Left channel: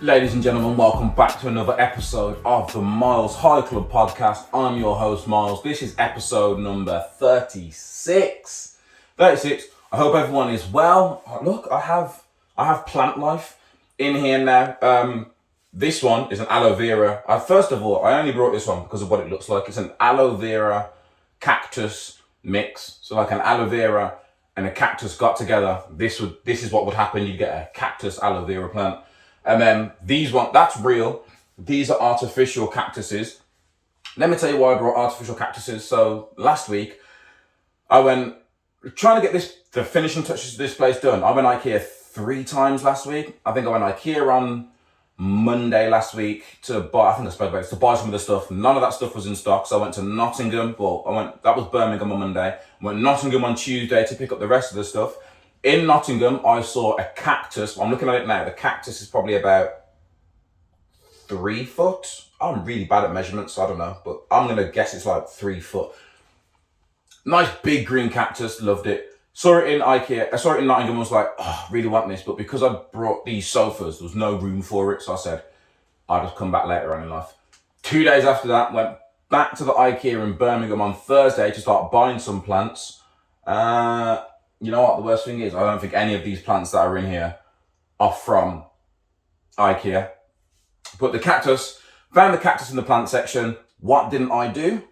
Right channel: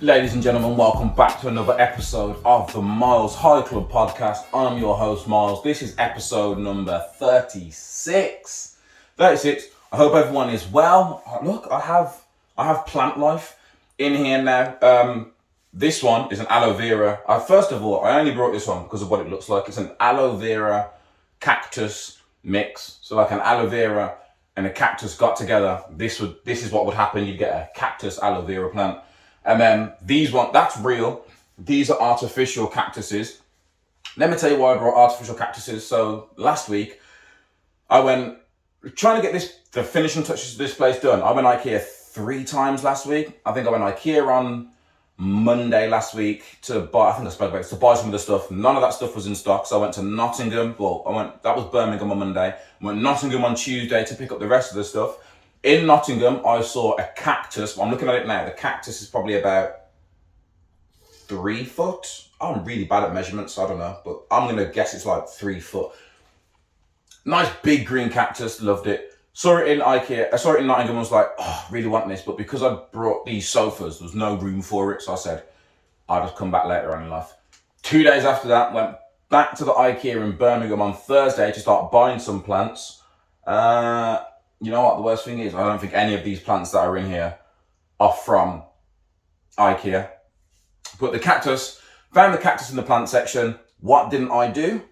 Ladies and gentlemen, welcome back to another episode of the MylesHighClub podcast. I'm your host, Myles. This is episode number 36. 36. I hope everyone is well. Look, I have plant life in here now. This one is an aloe vera. First of all, I only brought this one because of what it looks like. It's an aloe vera cactus mix. So like an aloe vera and a cactus got together. This is what would happen. You'd get a cactus aloe vera plant. And then that's real. These are artificial cactuses. Let me tell you why I brought artificial cactuses. So last week, I went trying to get the finishing touches to this place done. I went IKEA 3 times last week. I think I went IKEA on Monday last week to buy some of the stuff. None of that stuff was in stock. So I went to Nottingham. That was Birmingham on Monday. I went to Nottingham on Tuesday to pick up the rest of the stuff. In Nottingham, I saw a cactus. I'm looking at it now. The cactus is probably about 3 foot. I'm really bad at measurements, so I don't know. But I'm going to guess it's like 3 foot. Nice big green cactus. Loved it. Saw it in IKEA. I saw it in Nottingham. I was like, oh, I really want this. But because I brought these sofas, there was no room for it. So I said, I'll just come back later on in life. 2 days after that, went back to the IKEA in Birmingham on Thursday to start buying some plants. You know what? The worst thing is, I don't think any of these plants that are in here are from IKEA. But found the cactus in the plant section. What didn't I do?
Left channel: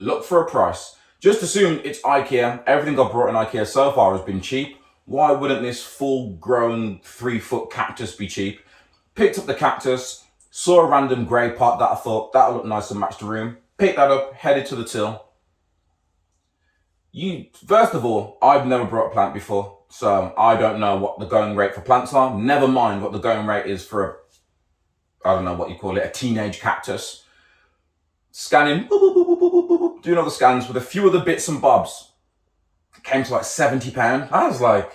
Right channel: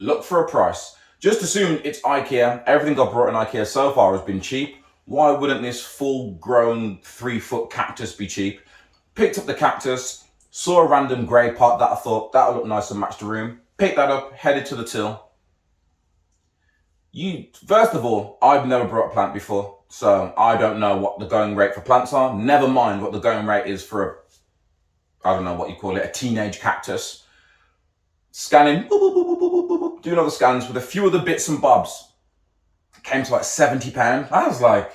Look for a price. Just assumed it's IKEA. Everything I've brought in IKEA so far has been cheap. Why wouldn't this full-grown 3-foot cactus be cheap? Picked up the cactus, saw a random grey pot that I thought that'll look nice and match the room. Picked that up, headed to the till. First of all, I've never brought a plant before, so I don't know what the going rate for plants are. Never mind what the going rate is for I don't know what you call it, a teenage cactus. Scanning, doing all the scans with a few other bits and bobs. Came to like £70. I was like,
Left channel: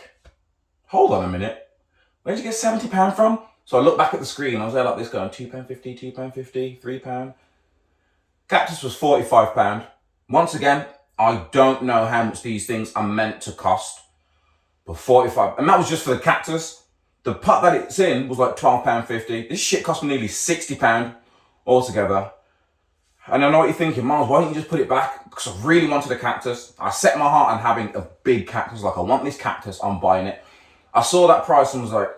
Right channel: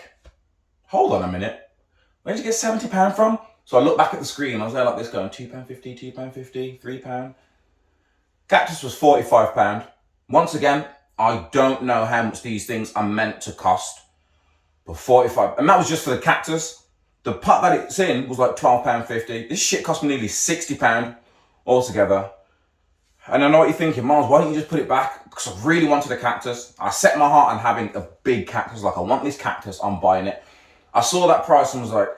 hold on a minute. Where'd you get £70 from? So I looked back at the screen. I was there like this going, £2.50, £2.50, £3. Cactus was £45. Once again, I don't know how much these things are meant to cost, but 45, and that was just for the cactus. The pot that it's in was like £12.50. This shit cost me nearly £60 altogether. And I know what you're thinking, Myles, why don't you just put it back? Because I really wanted a cactus. I set my heart on having a big cactus. Like, I want this cactus, I'm buying it. I saw that price and was like,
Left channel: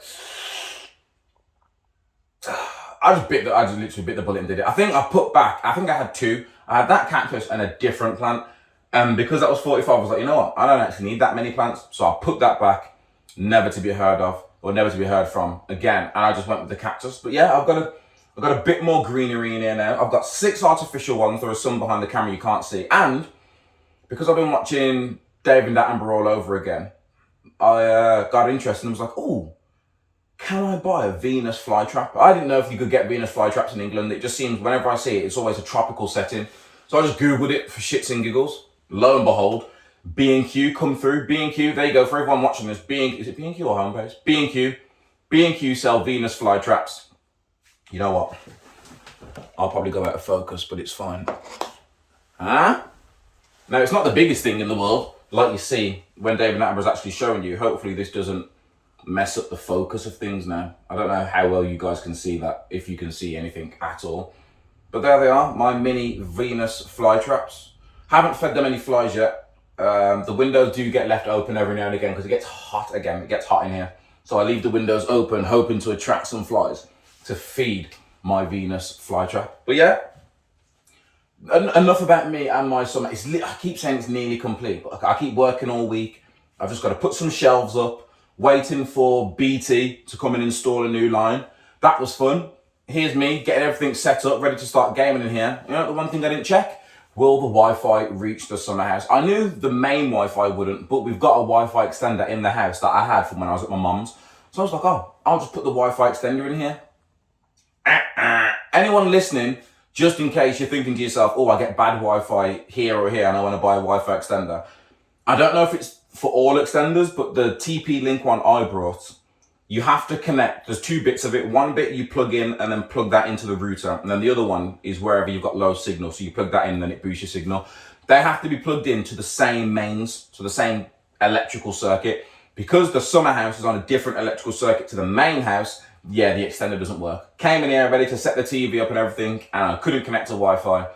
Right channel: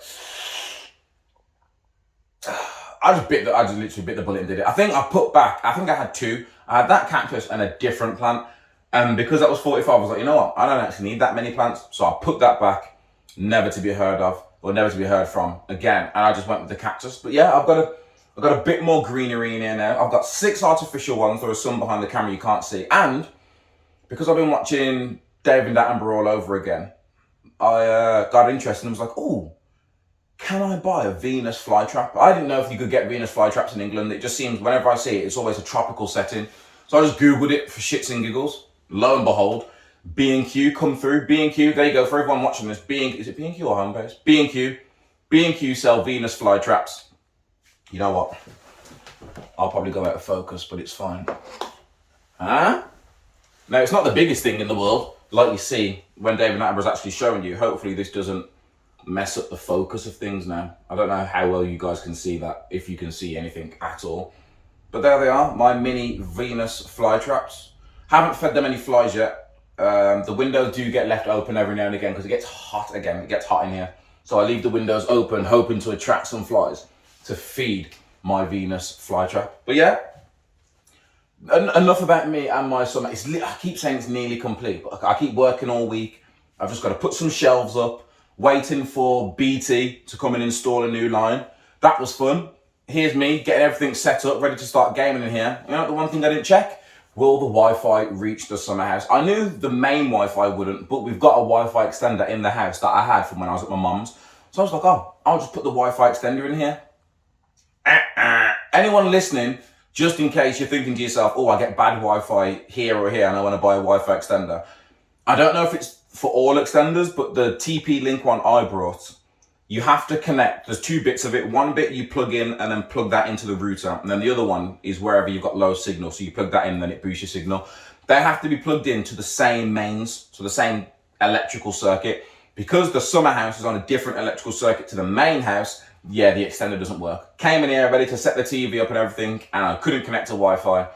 I just literally bit the bullet and did it. I think I had 2. I had that cactus and a different plant. And because that was 45, I was like, you know what? I don't actually need that many plants. So I put that back, never to be heard of or never to be heard from again. And I just went with the cactus. But yeah, I've got a bit more greenery in here now. I've got 6 artificial ones. There are some behind the camera you can't see. And because I've been watching David Attenborough all over again, I got interested and was like, oh, can I buy a Venus flytrap? I didn't know if you could get Venus flytraps in England. It just seems whenever I see it, it's always a tropical setting. So I just Googled it for shits and giggles. Lo and behold, B&Q come through. B&Q, there you go. For everyone watching this, is it B&Q or Homebase? B&Q. B&Q sell Venus flytraps. You know what? I'll probably go out of focus, but it's fine. Huh? Now, it's not the biggest thing in the world, like you see when David Attenborough's actually showing you. Hopefully this doesn't mess up the focus of things now. I don't know how well you guys can see that, if you can see anything at all. But there they are, my mini Venus flytraps. Haven't fed them any flies yet. The windows do get left open every now and again because it gets hot again. It gets hot in here. So I leave the windows open, hoping to attract some flies to feed my Venus flytrap. But yeah, enough about me and my summer. I keep saying it's nearly complete, but I keep working all week. I've just got to put some shelves up, waiting for BT to come and install a new line. That was fun. Here's me getting everything set up, ready to start gaming in here. You know, the one thing I didn't check? Will the Wi-Fi reach the summer house? I knew the main Wi-Fi wouldn't, but we've got a Wi-Fi extender in the house that I had from when I was at my mum's. So I was like, oh, I'll just put the Wi-Fi extender in here. Anyone listening, just in case you're thinking to yourself, oh, I get bad Wi-Fi here or here and I want to buy a Wi-Fi extender. I don't know if it's for all extenders, but the TP-Link one I brought, you have to connect. There's 2 bits of it. One bit you plug in and then plug that into the router. And then the other one is wherever you've got low signal. So you plug that in and then it boosts your signal. They have to be plugged into the same mains, so the same electrical circuit. Because the summer house is on a different electrical circuit to the main house, yeah, the extender doesn't work. Came in here ready to set the TV up and everything, and I couldn't connect to Wi-Fi.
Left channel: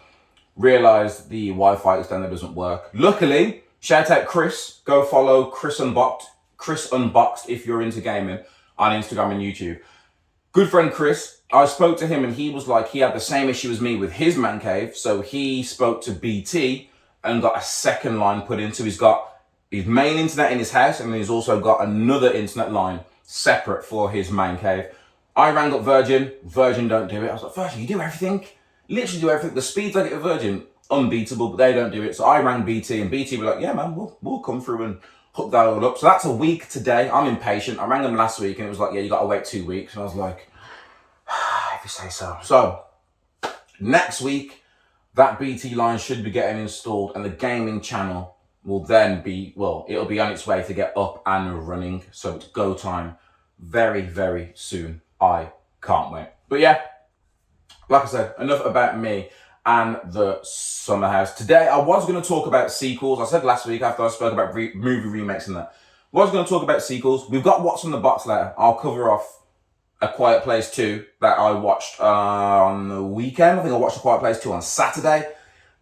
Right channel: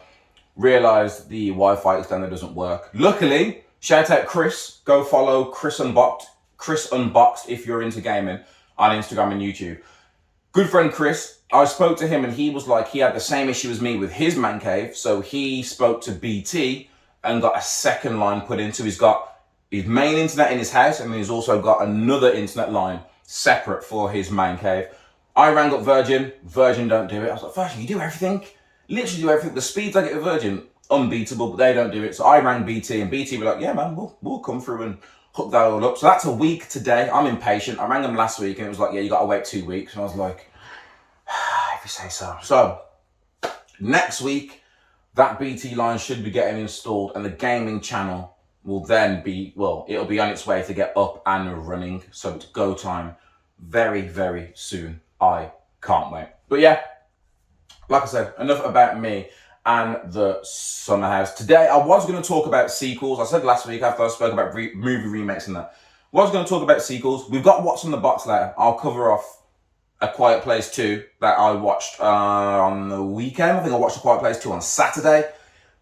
Realized the Wi-Fi extender doesn't work. Luckily, shout out Chris. Go follow Chris Unboxed if you're into gaming on Instagram and YouTube. Good friend Chris, I spoke to him and he was like, he had the same issue as me with his man cave. So he spoke to BT and got a second line put in. So he's got his main internet in his house, and he's also got another internet line separate for his man cave. I rang up Virgin. Virgin don't do it. I was like, Virgin, you do everything? Literally do everything. The speeds I get with Virgin, unbeatable, but they don't do it. So I rang BT, and BT were like, yeah, man, we'll come through and hook that all up. So that's a week today. I'm impatient. I rang them last week, and it was like, yeah, you got to wait 2 weeks. And I was like, if you say so. So next week, that BT line should be getting installed, and the gaming channel will then be, well, it'll be on its way to get up and running. So it's go time very, very soon. I can't wait. But yeah, like I said, enough about me and the summer house. Today, I was going to talk about sequels. I said last week after I spoke about movie remakes and that. I was going to talk about sequels. We've got What's in the Box later. I'll cover off A Quiet Place 2 that I watched on the weekend. I think I watched A Quiet Place 2 on Saturday.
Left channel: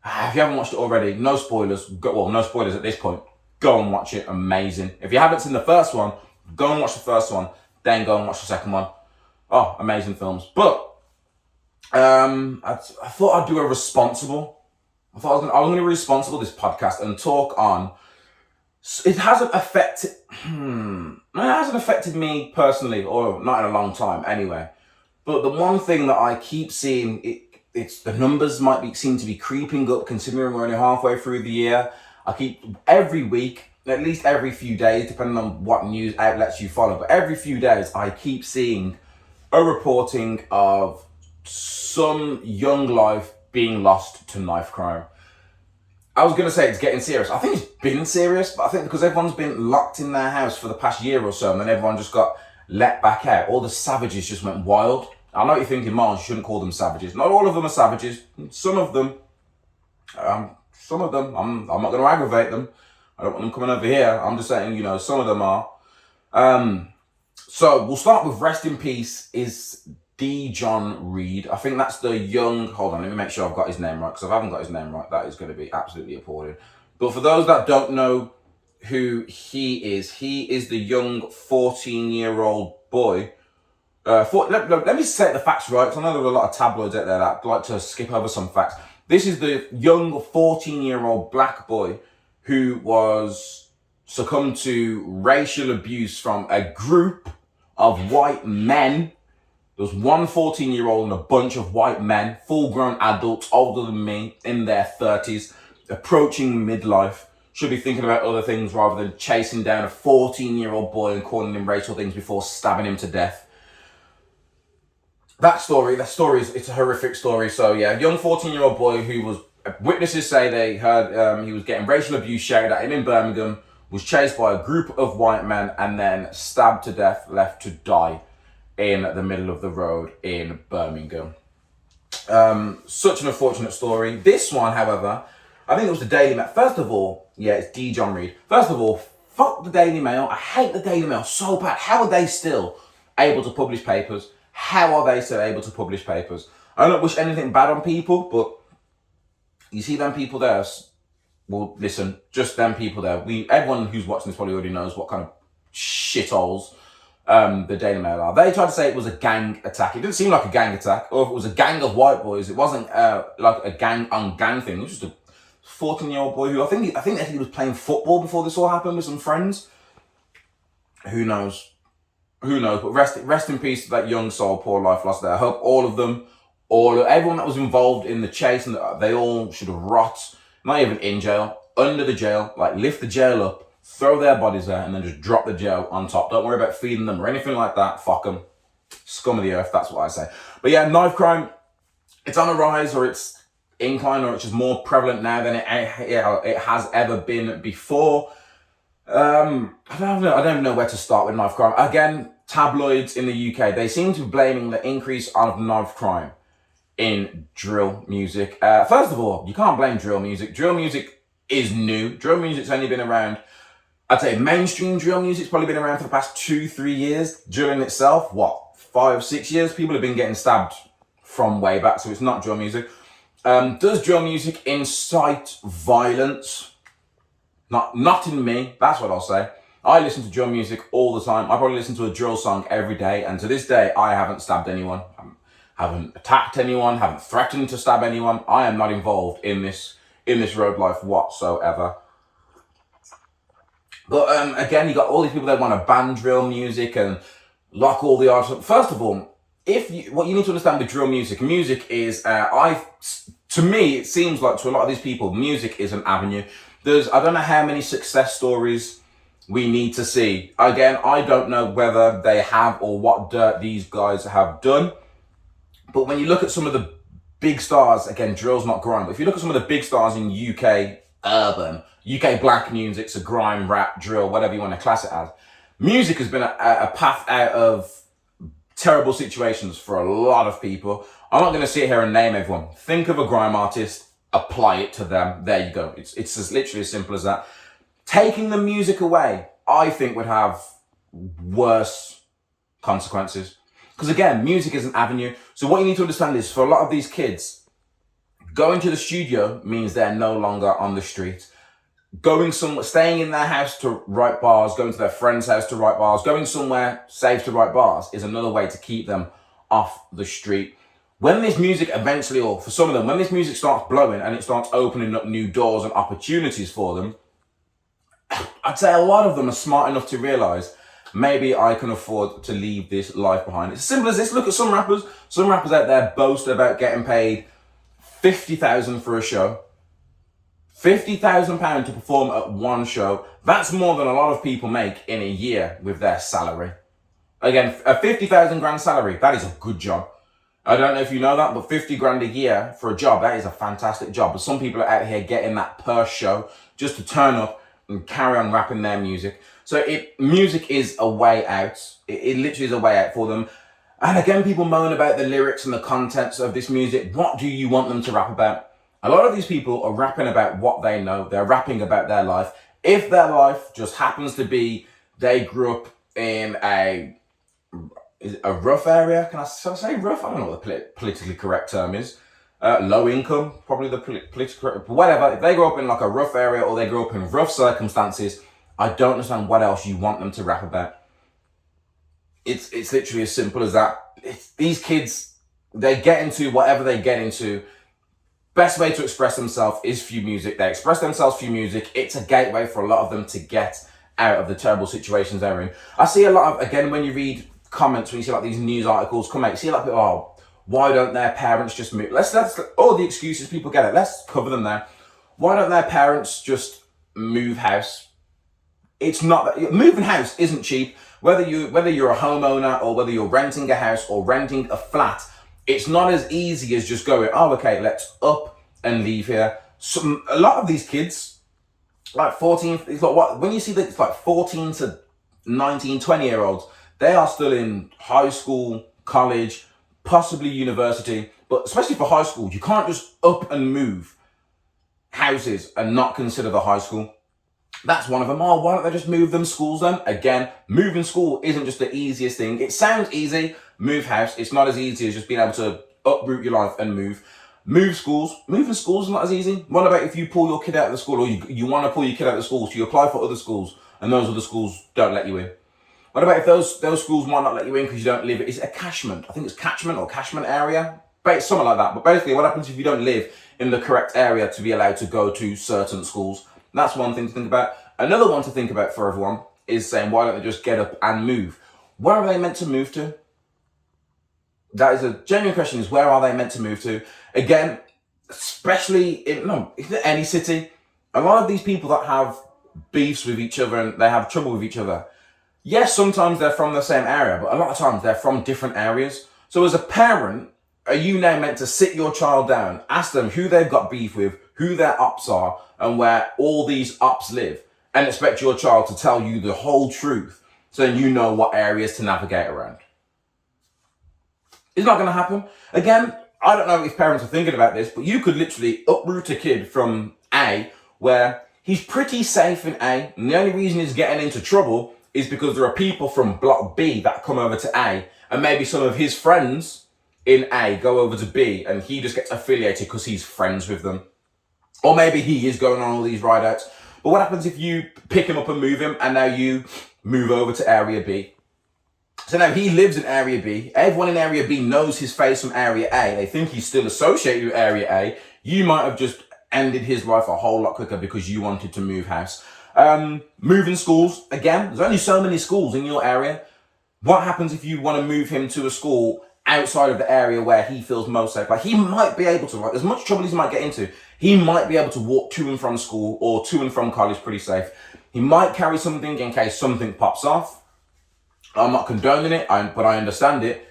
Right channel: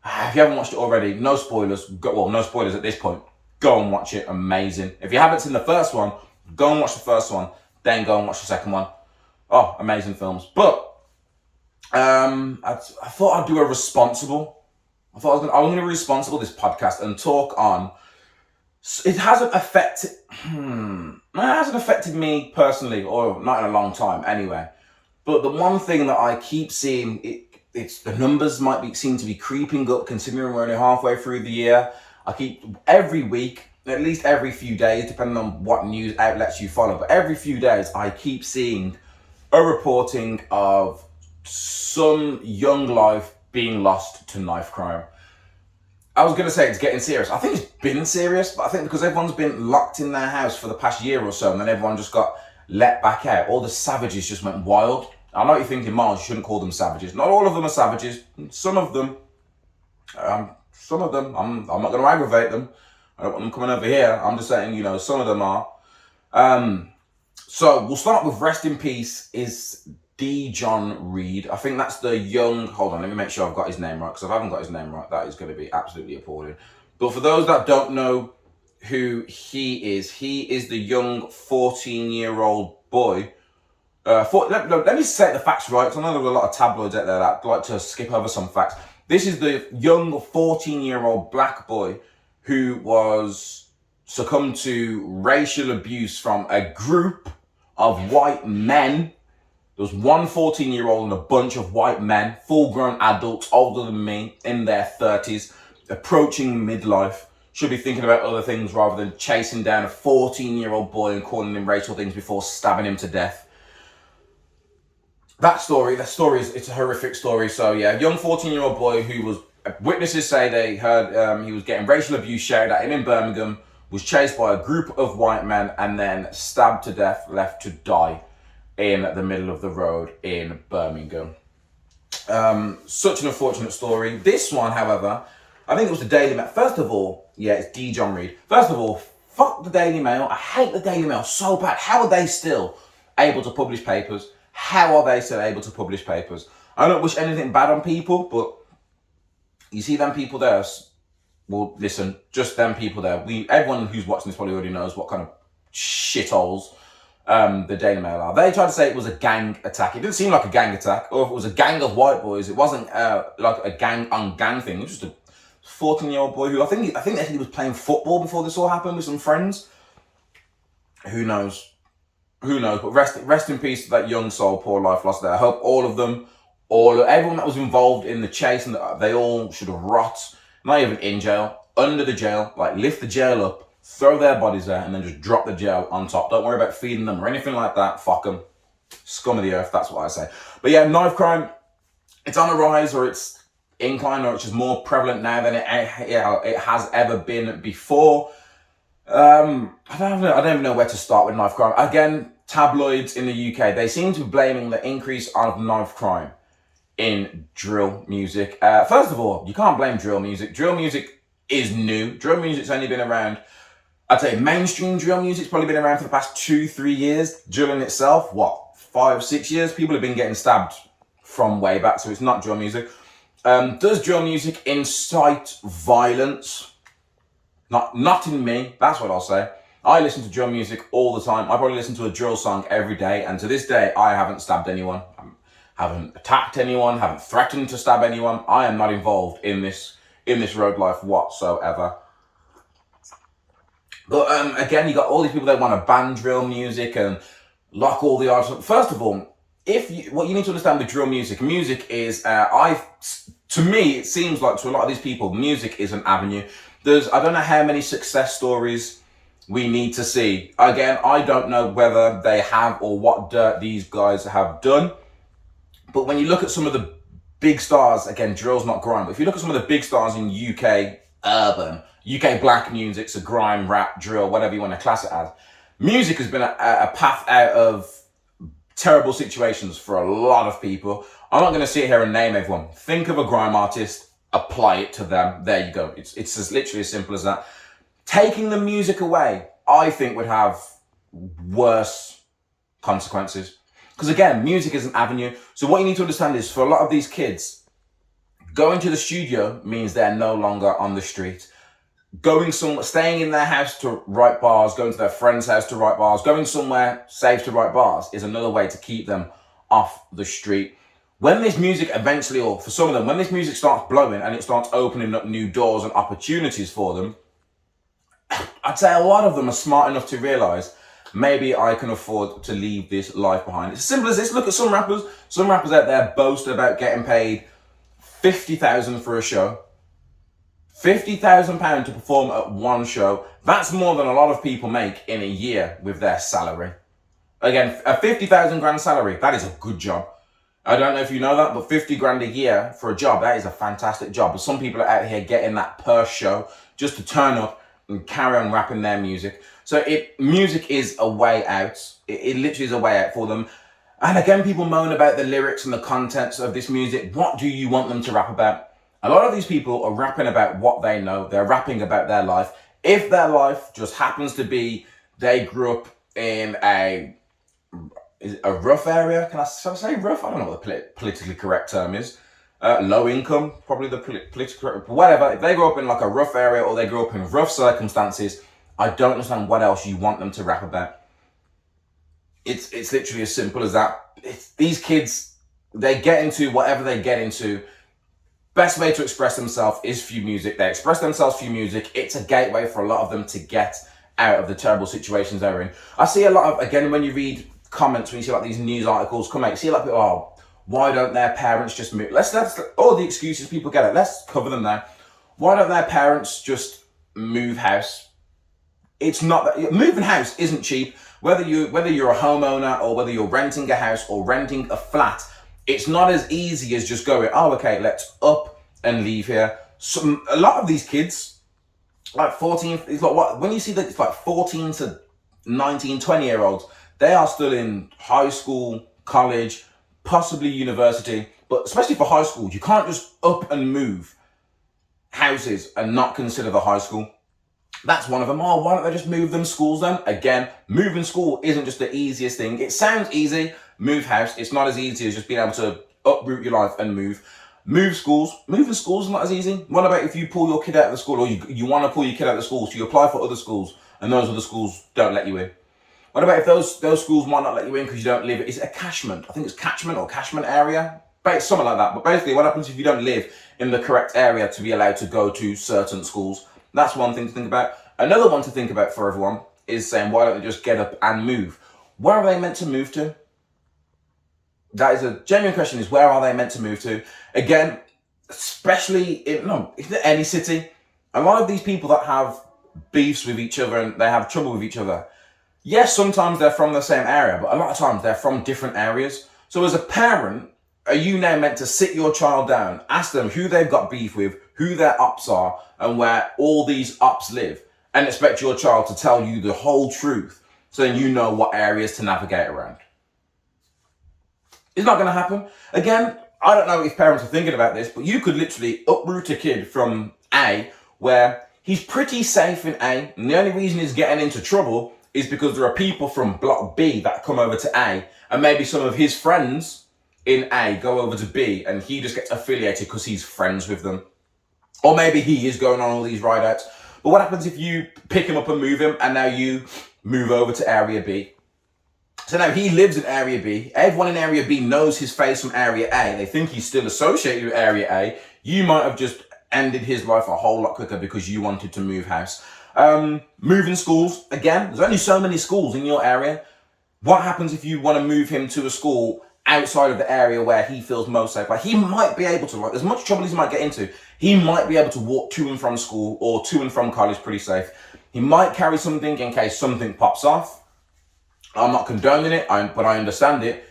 If you haven't watched it already, no spoilers. No spoilers at this point. Go and watch it. Amazing. If you haven't seen the first one, go and watch the first one. Then go and watch the second one. Oh, amazing films. But I thought I'd do a responsible. I thought I was going to be responsible this podcast and talk on. It hasn't affected. It hasn't affected me personally, or not in a long time anyway. But the one thing that I keep seeing, it's the numbers seem to be creeping up, considering we're only halfway through the year. I keep every week, at least every few days, depending on what news outlets you follow, but every few days I keep seeing a reporting of some young life being lost to knife crime. I was going to say it's getting serious. I think it's been serious, but I think because everyone's been locked in their house for the past year or so, and then everyone just got let back out, all the savages just went wild. I know what you're thinking, Myles, you shouldn't call them savages. Not all of them are savages. Some of them, I'm not going to aggravate them. I don't want them coming over here. I'm just saying, some of them are. So we'll start with rest in peace is D. John Reed. I think that's the young, hold on, let me make sure I've got his name right, because if I haven't got his name right, that is going to be absolutely appalling. But for those that don't know who he is the young 14-year-old boy. Let me say the facts right, because I know there are a lot of tabloids out there that like to skip over some facts. This is the young 14-year-old black boy who was succumbed to racial abuse from a group of white men. There was one 14-year-old and a bunch of white men, full-grown adults, older than me, in their 30s, approaching midlife, should be thinking about other things rather than chasing down a 14-year-old boy and calling him racial things before stabbing him to death. That story it's a horrific story. So yeah, a young 14-year-old boy who was, witnesses say they heard he was getting racial abuse shouted at him in Birmingham, was chased by a group of white men and then stabbed to death, left to die in the middle of the road in Birmingham. Such an unfortunate story. This one, however, I think it was the Daily Mail. First of all, yeah, it's D. John Reed. First of all, fuck the Daily Mail. I hate the Daily Mail so bad. How are they still able to publish papers? How are they still able to publish papers? I don't wish anything bad on people, but you see them people there. Well, listen, just them people there. Everyone who's watching this probably already knows what kind of shitholes the Daily Mail are. They tried to say it was a gang attack. It didn't seem like a gang attack, or if it was a gang of white boys, it wasn't like a gang on gang thing. It was just a 14-year-old boy who I think he was playing football before this all happened with some friends. Who knows? But rest in peace to that young soul, poor life lost there. I hope everyone that was involved in the chase, and they all should have rot, not even in jail, under the jail, like lift the jail up, throw their bodies there, and then just drop the jail on top. Don't worry about feeding them or anything like that. Fuck them. Scum of the earth, that's what I say. But yeah, knife crime, it's on a rise, or it's incline, or it's just more prevalent now than it has ever been before. I don't even know where to start with knife crime. Again, tabloids in the UK, they seem to be blaming the increase of knife crime in drill music. First of all, you can't blame drill music. Drill music is new. Drill music's only been around, I'd say mainstream drill music's probably been around for the past 2-3 years. Drill in itself, 5-6 years, people have been getting stabbed from way back, so it's not drill music. Does drill music incite violence? Not in me, that's what I'll say. I listen to drill music all the time. I probably listen to a drill song every day, and to this day, I haven't stabbed anyone, haven't attacked anyone, haven't threatened to stab anyone. I am not involved in this road life whatsoever. But again, you got all these people that want to ban drill music and lock all the artists. First of all, what you need to understand with drill music is, to me, it seems like to a lot of these people, music is an avenue. I don't know how many success stories we need to see. Again, I don't know whether they have or what dirt these guys have done. But when you look at some of the big stars, again, drill's not grime, but if you look at some of the big stars in UK urban, UK black music, so grime, rap, drill, whatever you want to class it as, music has been a path out of terrible situations for a lot of people. I'm not going to sit here and name everyone. Think of a grime artist, apply it to them. There you go. It's as literally as simple as that. Taking the music away, I think, would have worse consequences. Because again, music is an avenue. So what you need to understand is, for a lot of these kids, going to the studio means they're no longer on the street. Staying in their house to write bars, going to their friend's house to write bars, going somewhere safe to write bars is another way to keep them off the street. When this music eventually, or for some of them, when this music starts blowing and it starts opening up new doors and opportunities for them, I'd say a lot of them are smart enough to realize, maybe I can afford to leave this life behind. It's as simple as this. Look at some rappers. Some rappers out there boast about getting paid $50,000 for a show. £50,000 to perform at one show. That's more than a lot of people make in a year with their salary. Again, a 50,000 grand salary, that is a good job. I don't know if you know that, but 50 grand a year for a job, that is a fantastic job. But some people are out here getting that per show just to turn up and carry on rapping their music. So music is a way out. It literally is a way out for them. And again, people moan about the lyrics and the contents of this music. What do you want them to rap about? A lot of these people are rapping about what they know. They're rapping about their life. If their life just happens to be, they grew up in a rough area. Can I say rough? I don't know what the politically correct term is. Low income, probably the politically correct, whatever. If they grew up in like a rough area or they grew up in rough circumstances, I don't understand what else you want them to rap about. It's literally as simple as that. These kids, they get into whatever they get into. Best way to express themselves is through music. They express themselves through music. It's a gateway for a lot of them to get out of the terrible situations they're in. I see a lot of, again, when you read comments, when you see like these news articles come out, you see like people, why don't their parents just move? Let's all the excuses people get it. Let's cover them now. Why don't their parents just move house? It's not that moving house isn't cheap. Whether you're a homeowner or whether you're renting a house or renting a flat, it's not as easy as just going, okay, let's up and leave here. A lot of these kids, like 14, it's like when you see that it's like 14 to 19, 20-year-olds, they are still in high school, college, possibly university, but especially for high school, you can't just up and move houses and not consider the high school. That's one of them. Why don't they just move them schools then? Again, moving school isn't just the easiest thing. It sounds easy, move house. It's not as easy as just being able to uproot your life and move. Move schools. Moving schools is not as easy. What about if you pull your kid out of the school, or you want to pull your kid out of the school, so you apply for other schools and those other schools don't let you in? What about if those schools might not let you in because you don't live? Is it a catchment? I think it's catchment or catchment area. Something like that. But basically, what happens if you don't live in the correct area to be allowed to go to certain schools? That's one thing to think about. Another one to think about for everyone is saying, why don't they just get up and move? Where are they meant to move to? That is a genuine question, is where are they meant to move to? Again, especially in any city, a lot of these people that have beefs with each other and they have trouble with each other, yes, sometimes they're from the same area, but a lot of times they're from different areas. So as a parent, are you now meant to sit your child down, ask them who they've got beef with, who their ops are, and where all these ops live, and expect your child to tell you the whole truth so then you know what areas to navigate around? It's not going to happen. Again, I don't know if parents are thinking about this, but you could literally uproot a kid from A, where he's pretty safe in A, and the only reason he's getting into trouble is because there are people from block B that come over to A, and maybe some of his friends in A go over to B, and he just gets affiliated because he's friends with them. Or maybe he is going on all these ride outs. But what happens if you pick him up and move him, and now you move over to Area B? So now he lives in Area B. Everyone in Area B knows his face from Area A. They think he's still associated with Area A. You might have just ended his life a whole lot quicker because you wanted to move house. Moving schools, again, there's only so many schools in your area. What happens if you want to move him to a school outside of the area where he feels most safe? Like, he might be able to, like, as much trouble as he might get into, he might be able to walk to and from school or to and from college pretty safe. He might carry something in case something pops off. I'm not condoning it, but I understand it.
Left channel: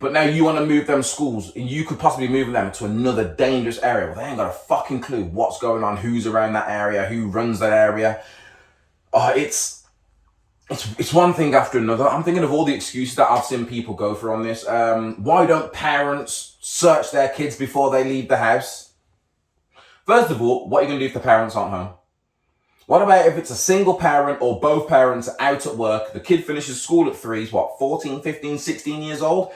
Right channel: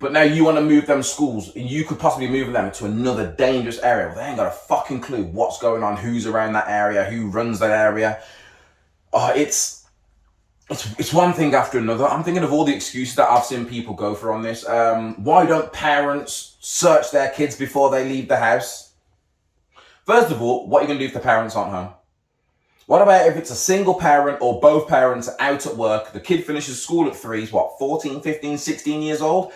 But now you want to move them schools, and you could possibly move them to another dangerous area. Well, they ain't got a fucking clue what's going on, who's around that area, who runs that area. It's one thing after another. I'm thinking of all the excuses that I've seen people go for on this. Why don't parents search their kids before they leave the house? First of all, what are you going to do if the parents aren't home? What about if it's a single parent or both parents are out at work, the kid finishes school at 3, he's 14, 15, 16 years old?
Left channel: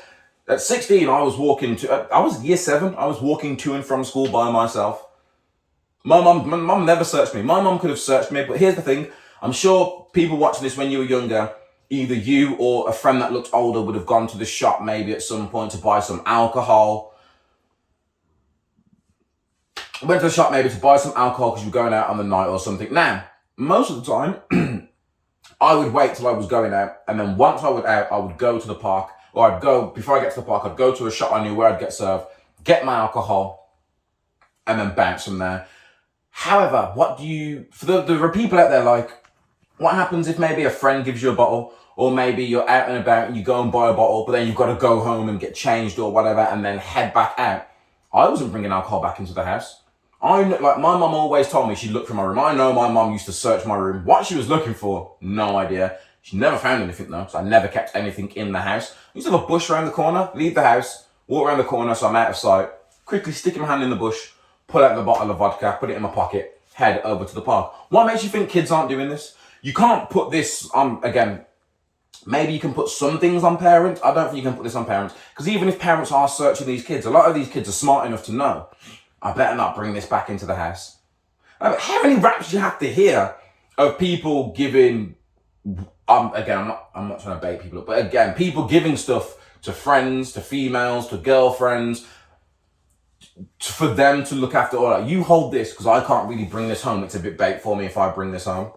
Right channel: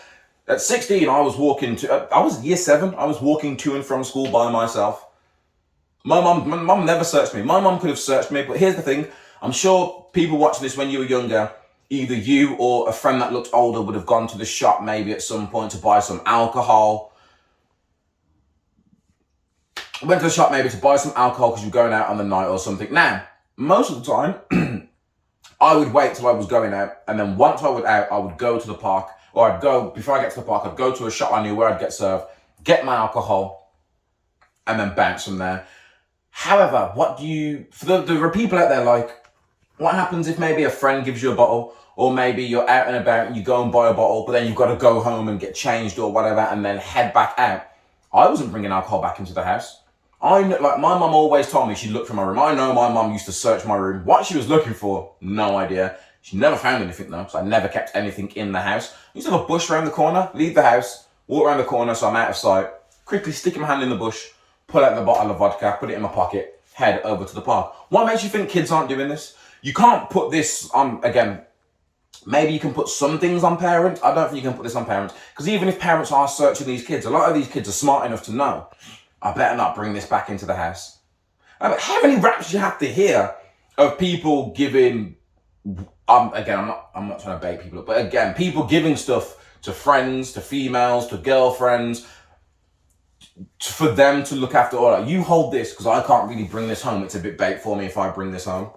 At 16, I was year 7, I was walking to and from school by myself. My mum never searched me. My mum could have searched me, but here's the thing. I'm sure people watching this when you were younger, either you or a friend that looked older would have gone to the shop maybe at some point to buy some alcohol. Went to the shop maybe to buy some alcohol because you were going out on the night or something. Now, most of the time, I would wait till I was going out, and then once I was out, I would go to the park, or before I get to the park, I'd go to a shop I knew where I'd get served, get my alcohol, and then bounce from there. However, there are people out there like, what happens if maybe a friend gives you a bottle, or maybe you're out and about and you go and buy a bottle, but then you've got to go home and get changed or whatever, and then head back out? I wasn't bringing alcohol back into the house. My mum always told me she'd look for my room. I know my mum used to search my room. What she was looking for, no idea. She never found anything though, so I never kept anything in the house. I used to have a bush around the corner, leave the house, walk around the corner so I'm out of sight, quickly stick my hand in the bush, pull out the bottle of vodka, put it in my pocket, head over to the park. What makes you think kids aren't doing this? You can't put this on, again, maybe you can put some things on parents. I don't think you can put this on parents, because even if parents are searching these kids, a lot of these kids are smart enough to know, I better not bring this back into the house. How many raps do you have to hear of people giving, again, I'm not trying to bait people up, but again, people giving stuff to friends, to females, to girlfriends, for them to look after. All right, you hold this because I can't really bring this home. It's a bit bait for me if I bring this home.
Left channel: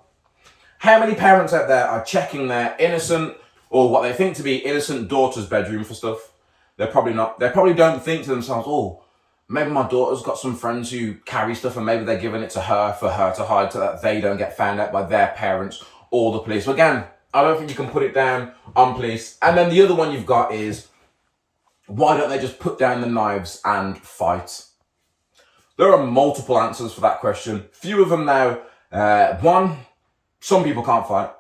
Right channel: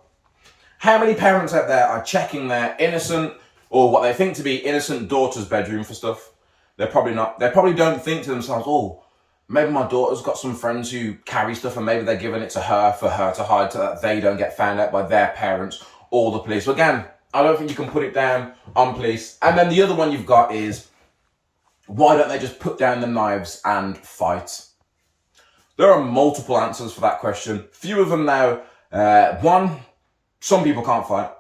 How many parents out there are checking their innocent, or what they think to be innocent daughter's bedroom for stuff? They're probably not. They probably don't think to themselves, oh, maybe my daughter's got some friends who carry stuff and maybe they're giving it to her for her to hide so that they don't get found out by their parents or the police. So again, I don't think you can put it down on police. And then the other one you've got is, why don't they just put down the knives and fight? There are multiple answers for that question. Few of them now. One, some people can't fight.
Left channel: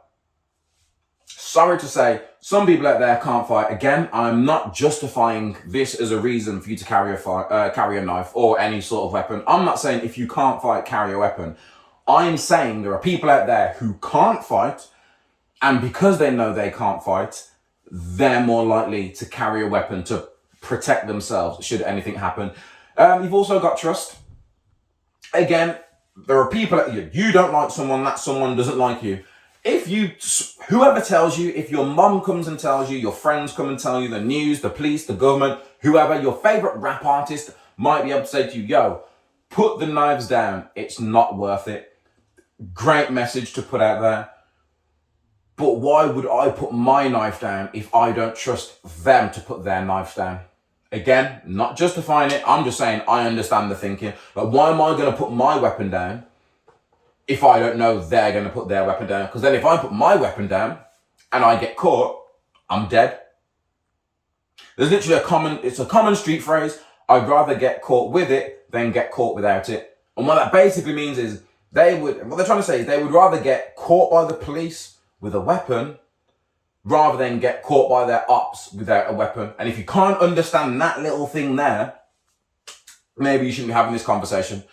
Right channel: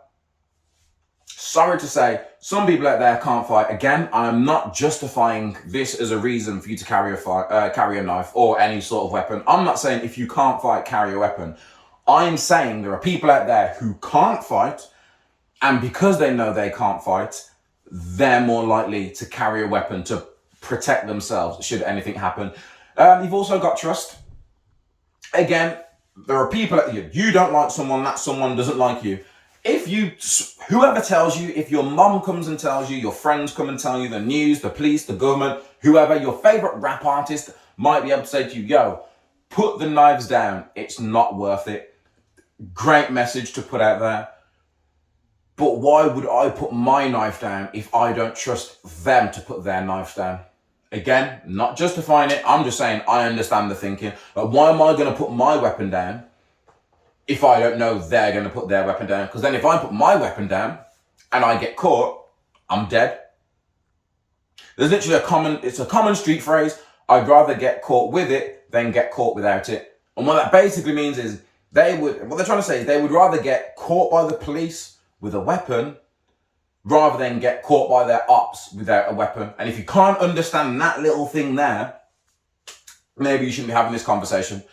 Sorry to say, some people out there can't fight. Again, I'm not justifying this as a reason for you to carry a knife or any sort of weapon. I'm not saying if you can't fight, carry a weapon. I'm saying there are people out there who can't fight, and because they know they can't fight, they're more likely to carry a weapon to protect themselves should anything happen. You've also got trust. Again, there are people that you don't like someone, that someone doesn't like you. Whoever tells you, if your mom comes and tells you, your friends come and tell you, the news, the police, the government, whoever, your favorite rap artist might be able to say to you, yo, put the knives down. It's not worth it. Great message to put out there. But why would I put my knife down if I don't trust them to put their knives down? Again, not justifying it. I'm just saying I understand the thinking. But why am I going to put my weapon down if I don't know they're going to put their weapon down? Because then if I put my weapon down and I get caught, I'm dead. There's literally it's a common street phrase. I'd rather get caught with it than get caught without it. And what that basically means is what they're trying to say is they would rather get caught by the police with a weapon rather than get caught by their ops without a weapon. And if you can't understand that little thing there, maybe you shouldn't be having this conversation.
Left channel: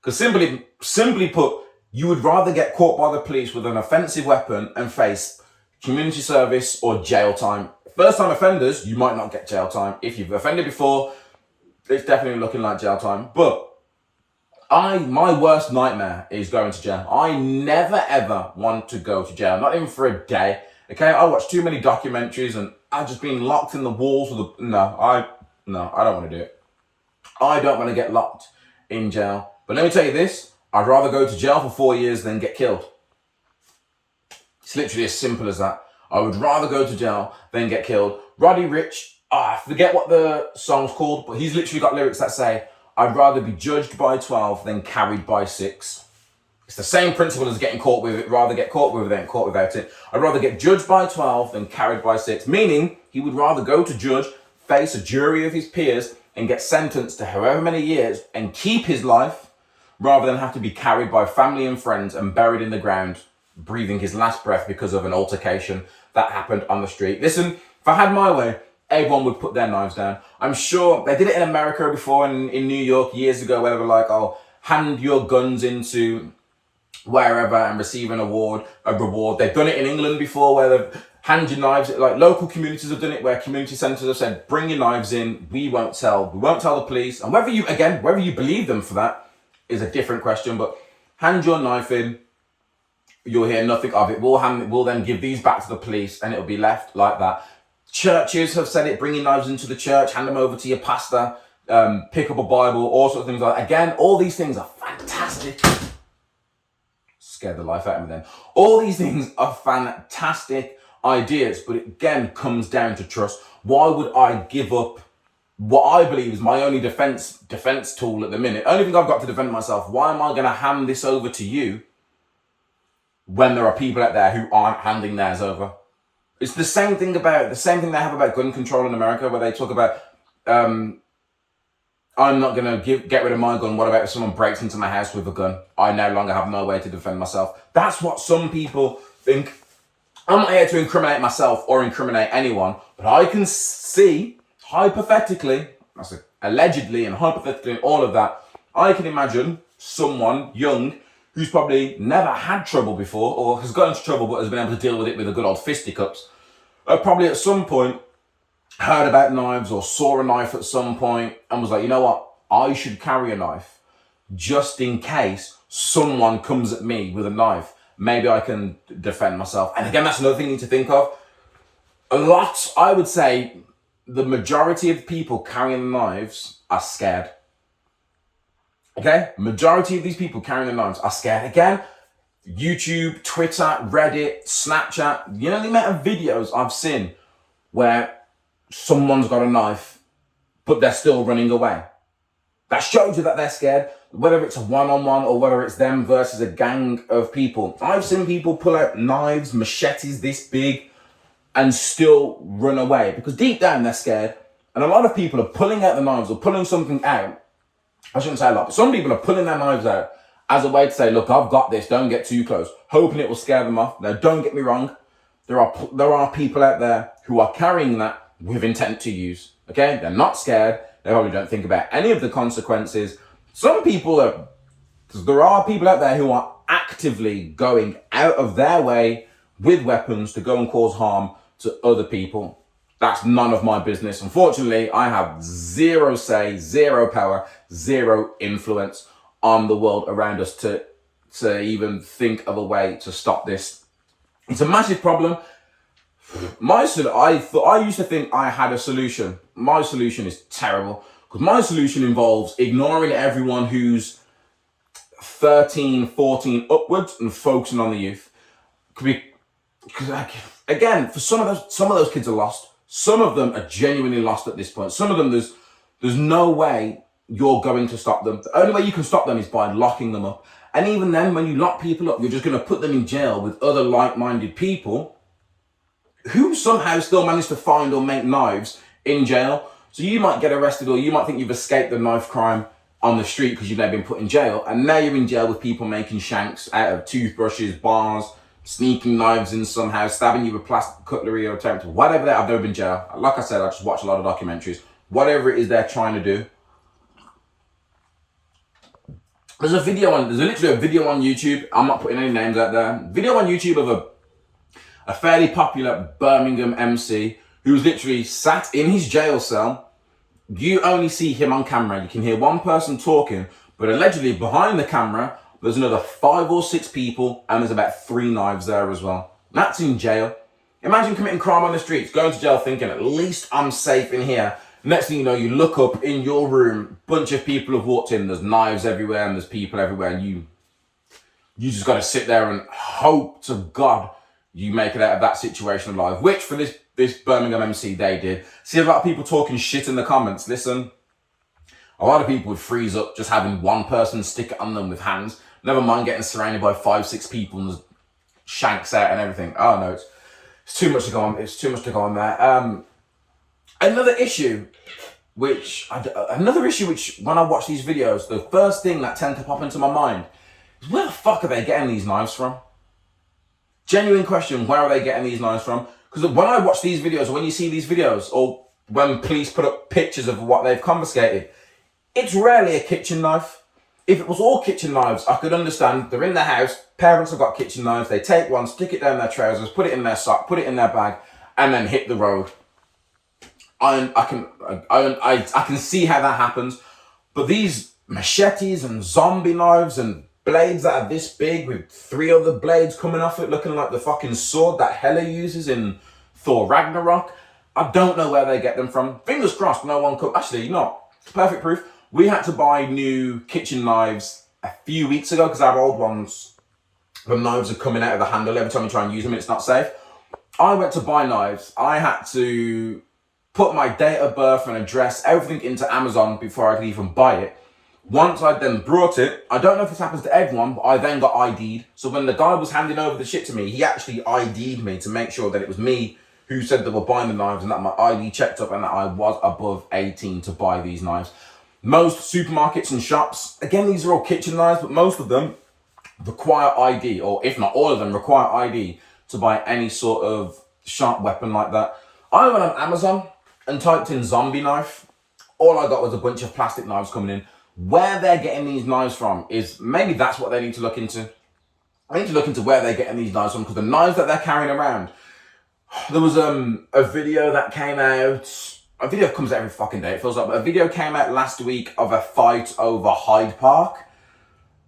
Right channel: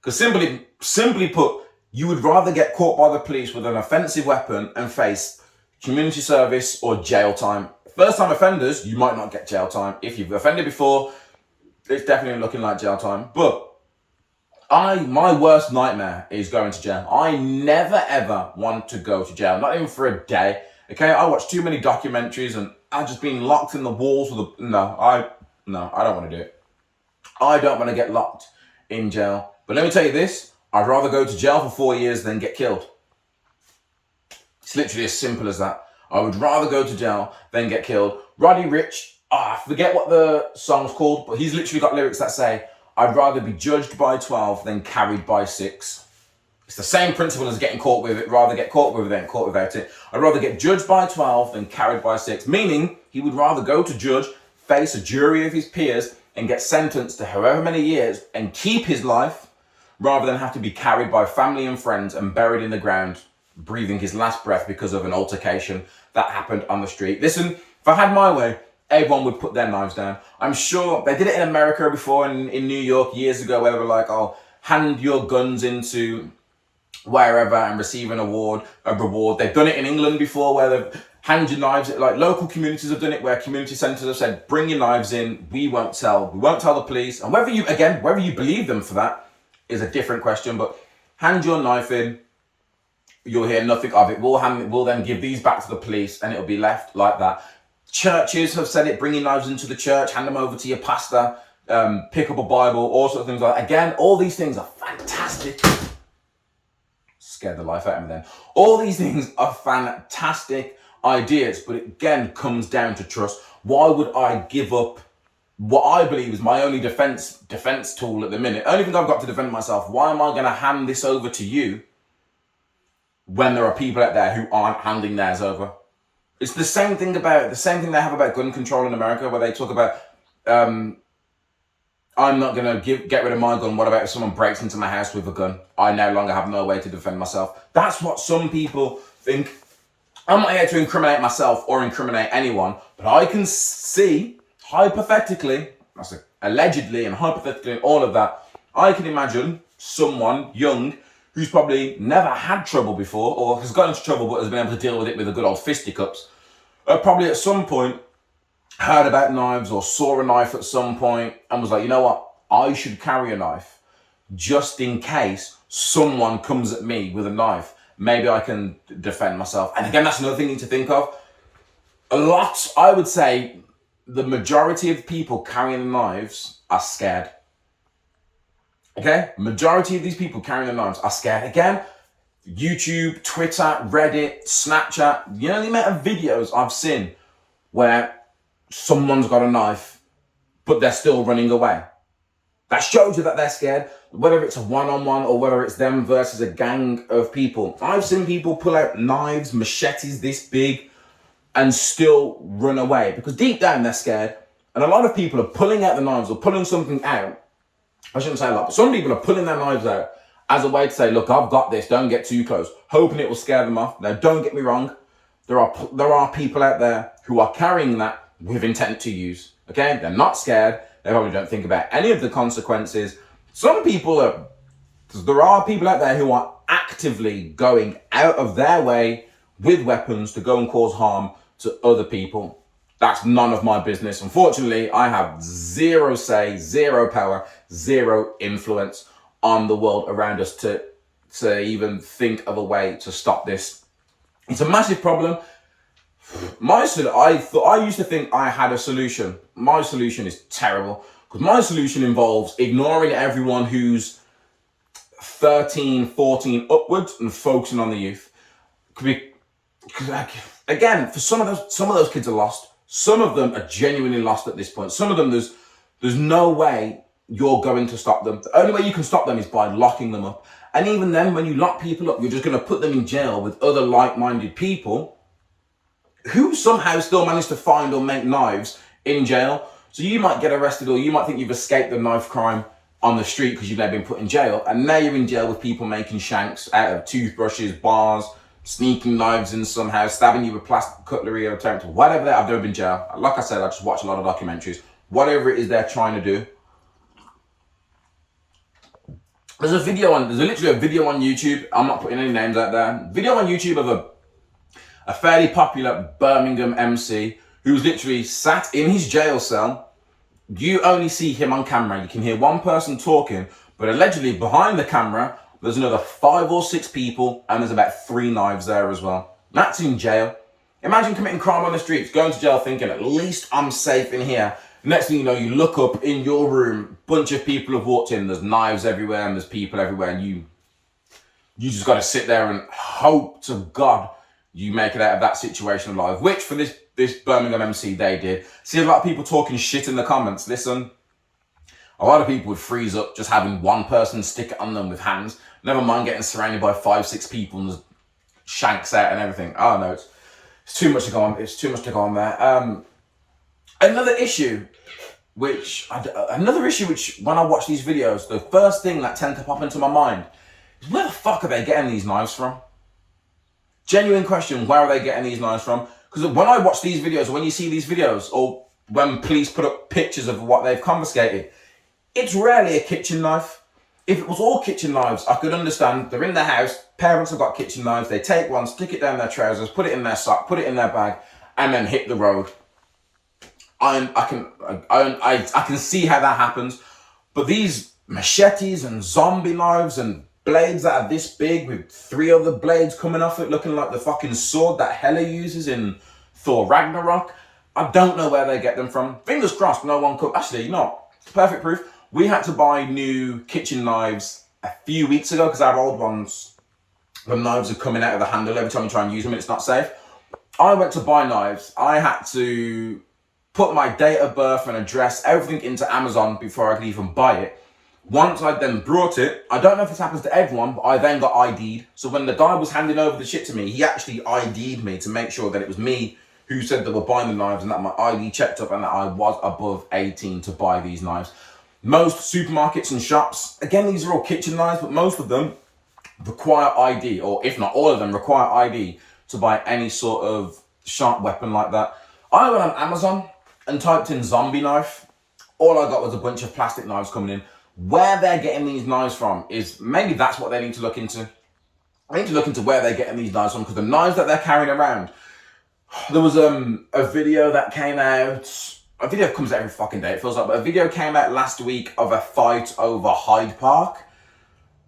Because simply put, you would rather get caught by the police with an offensive weapon and face community service or jail time. First time offenders, you might not get jail time. If you've offended before, it's definitely looking like jail time. But my worst nightmare is going to jail. I never ever want to go to jail, not even for a day. Okay, I watch too many documentaries and I've just been locked in the walls with I don't want to do it. I don't want to get locked in jail. But let me tell you this, I'd rather go to jail for 4 years than get killed. It's literally as simple as that. I would rather go to jail than get killed. Roddy Ricch, I forget what the song's called, but he's literally got lyrics that say, I'd rather be judged by 12 than carried by 6. It's the same principle as getting caught with it. Rather get caught with it than caught without it. I'd rather get judged by 12 than carried by 6. Meaning, he would rather go to judge, face a jury of his peers, and get sentenced to however many years and keep his life, rather than have to be carried by family and friends and buried in the ground, breathing his last breath because of an altercation that happened on the street. Listen, if I had my way, everyone would put their knives down. I'm sure they did it in America before, in New York years ago, where they were like, oh, hand your guns into wherever and receive a reward. They've done it in England before, where they've hand your knives. Like local communities have done it, where community centres have said, bring your knives in. We won't tell the police. And whether you believe them for that is a different question. But hand your knife in. You'll hear nothing of it. We'll then give these back to the police, and it'll be left like that. Churches have said it. Bring your knives into the church. Hand them over to your pastor. Pick up a Bible. All sorts of things like that. Again, all these things are fantastic. Scared the life out of me then. All these things are fantastic ideas, but it again comes down to trust. Why would I give up what I believe is my only defense tool at the minute? Only thing I've got to defend myself. Why am I going to hand this over to you when there are people out there who aren't handing theirs over? It's the same thing they have about gun control in America, where they talk about I'm not going to get rid of my gun. What about if someone breaks into my house with a gun? I no longer have no way to defend myself. That's what some people think. I'm not here to incriminate myself or incriminate anyone, but I can see, hypothetically, allegedly and hypothetically and all of that, I can imagine someone young who's probably never had trouble before, or has got into trouble but has been able to deal with it with the good old fisticuffs, probably at some point heard about knives or saw a knife at some point and was like, you know what, I should carry a knife just in case someone comes at me with a knife. Maybe I can defend myself. And again, that's another thing you need to think of. I would say the majority of people carrying knives are scared. Okay? Majority of these people carrying the knives are scared. Again, YouTube, Twitter, Reddit, Snapchat, you know the amount of videos I've seen where someone's got a knife, but they're still running away. That shows you that they're scared, whether it's a one-on-one or whether it's them versus a gang of people. I've seen people pull out knives, machetes this big, and still run away because deep down they're scared. And a lot of people are pulling out the knives or pulling something out. I shouldn't say a lot, but some people are pulling their knives out as a way to say, look, I've got this, don't get too close, hoping it will scare them off. Now, don't get me wrong. There are people out there who are carrying that with intent to use. Okay? They're not scared. They probably don't think about any of the consequences. There are people out there who are actively going out of their way with weapons to go and cause harm to other people. That's none of my business. Unfortunately, I have zero say, zero power, zero influence on the world around us to even think of a way to stop this. It's a massive problem. I used to think I had a solution. My solution is terrible because my solution involves ignoring everyone who's 13, 14 upwards and focusing on the youth. Again, for some of those kids are lost. Some of them are genuinely lost at this point. Some of them, there's no way you're going to stop them. The only way you can stop them is by locking them up. And even then, when you lock people up, you're just going to put them in jail with other like-minded people who somehow still manage to find or make knives in jail. So you might get arrested, or you might think you've escaped the knife crime on the street because you've now been put in jail. And now you're in jail with people making shanks out of toothbrushes, bars, sneaking knives in somehow, stabbing you with plastic cutlery or attempt, whatever that. I've never been in jail. Like I said, I just watch a lot of documentaries. Whatever it is they're trying to do. There's literally a video on YouTube. I'm not putting any names out there. Video on YouTube of a fairly popular Birmingham MC who was literally sat in his jail cell. You only see him on camera. You can hear one person talking, but allegedly behind the camera, there's another 5 or 6 people, and there's about 3 knives there as well. That's in jail. Imagine committing crime on the streets, going to jail thinking, at least I'm safe in here. Next thing you know, you look up in your room, bunch of people have walked in, there's knives everywhere and there's people everywhere, and you just got to sit there and hope to God you make it out of that situation alive, which for this Birmingham MC, they did. See a lot of people talking shit in the comments. Listen, a lot of people would freeze up just having one person stick it on them with hands. Never mind getting surrounded by 5, 6 people and shanks out and everything. Oh no, it's too much to go on. It's too much to go on there. Another issue which when I watch these videos, the first thing that tends to pop into my mind is, where the fuck are they getting these knives from? Genuine question, where are they getting these knives from? Because when I watch these videos, or when you see these videos, or when police put up pictures of what they've confiscated, it's rarely a kitchen knife. If it was all kitchen knives, I could understand. They're in their house, parents have got kitchen knives, they take one, stick it down their trousers, put it in their sock, put it in their bag, and then hit the road. I can see how that happens. But these machetes and zombie knives and blades that are this big with 3 other blades coming off it, looking like the fucking sword that Hela uses in Thor Ragnarok, I don't know where they get them from. Fingers crossed no one could. Actually, not. Perfect proof. We had to buy new kitchen knives a few weeks ago because our old ones, the knives are coming out of the handle every time we try and use them and it's not safe. I went to buy knives. I had to put my date of birth and address, everything into Amazon before I could even buy it. Once I then brought it, I don't know if this happens to everyone, but I then got ID'd. So when the guy was handing over the shit to me, he actually ID'd me to make sure that it was me who said they were buying the knives and that my ID checked up and that I was above 18 to buy these knives. Most supermarkets and shops, again, these are all kitchen knives, but most of them require ID, or if not all of them require ID to buy any sort of sharp weapon like that. I went on Amazon and typed in zombie knife. All I got was a bunch of plastic knives coming in. Where they're getting these knives from is, maybe that's what they need to look into. I need to look into where they're getting these knives from, because the knives that they're carrying around, there was a video that came out. A video comes out every fucking day, it feels like, but a video came out last week of a fight over Hyde Park,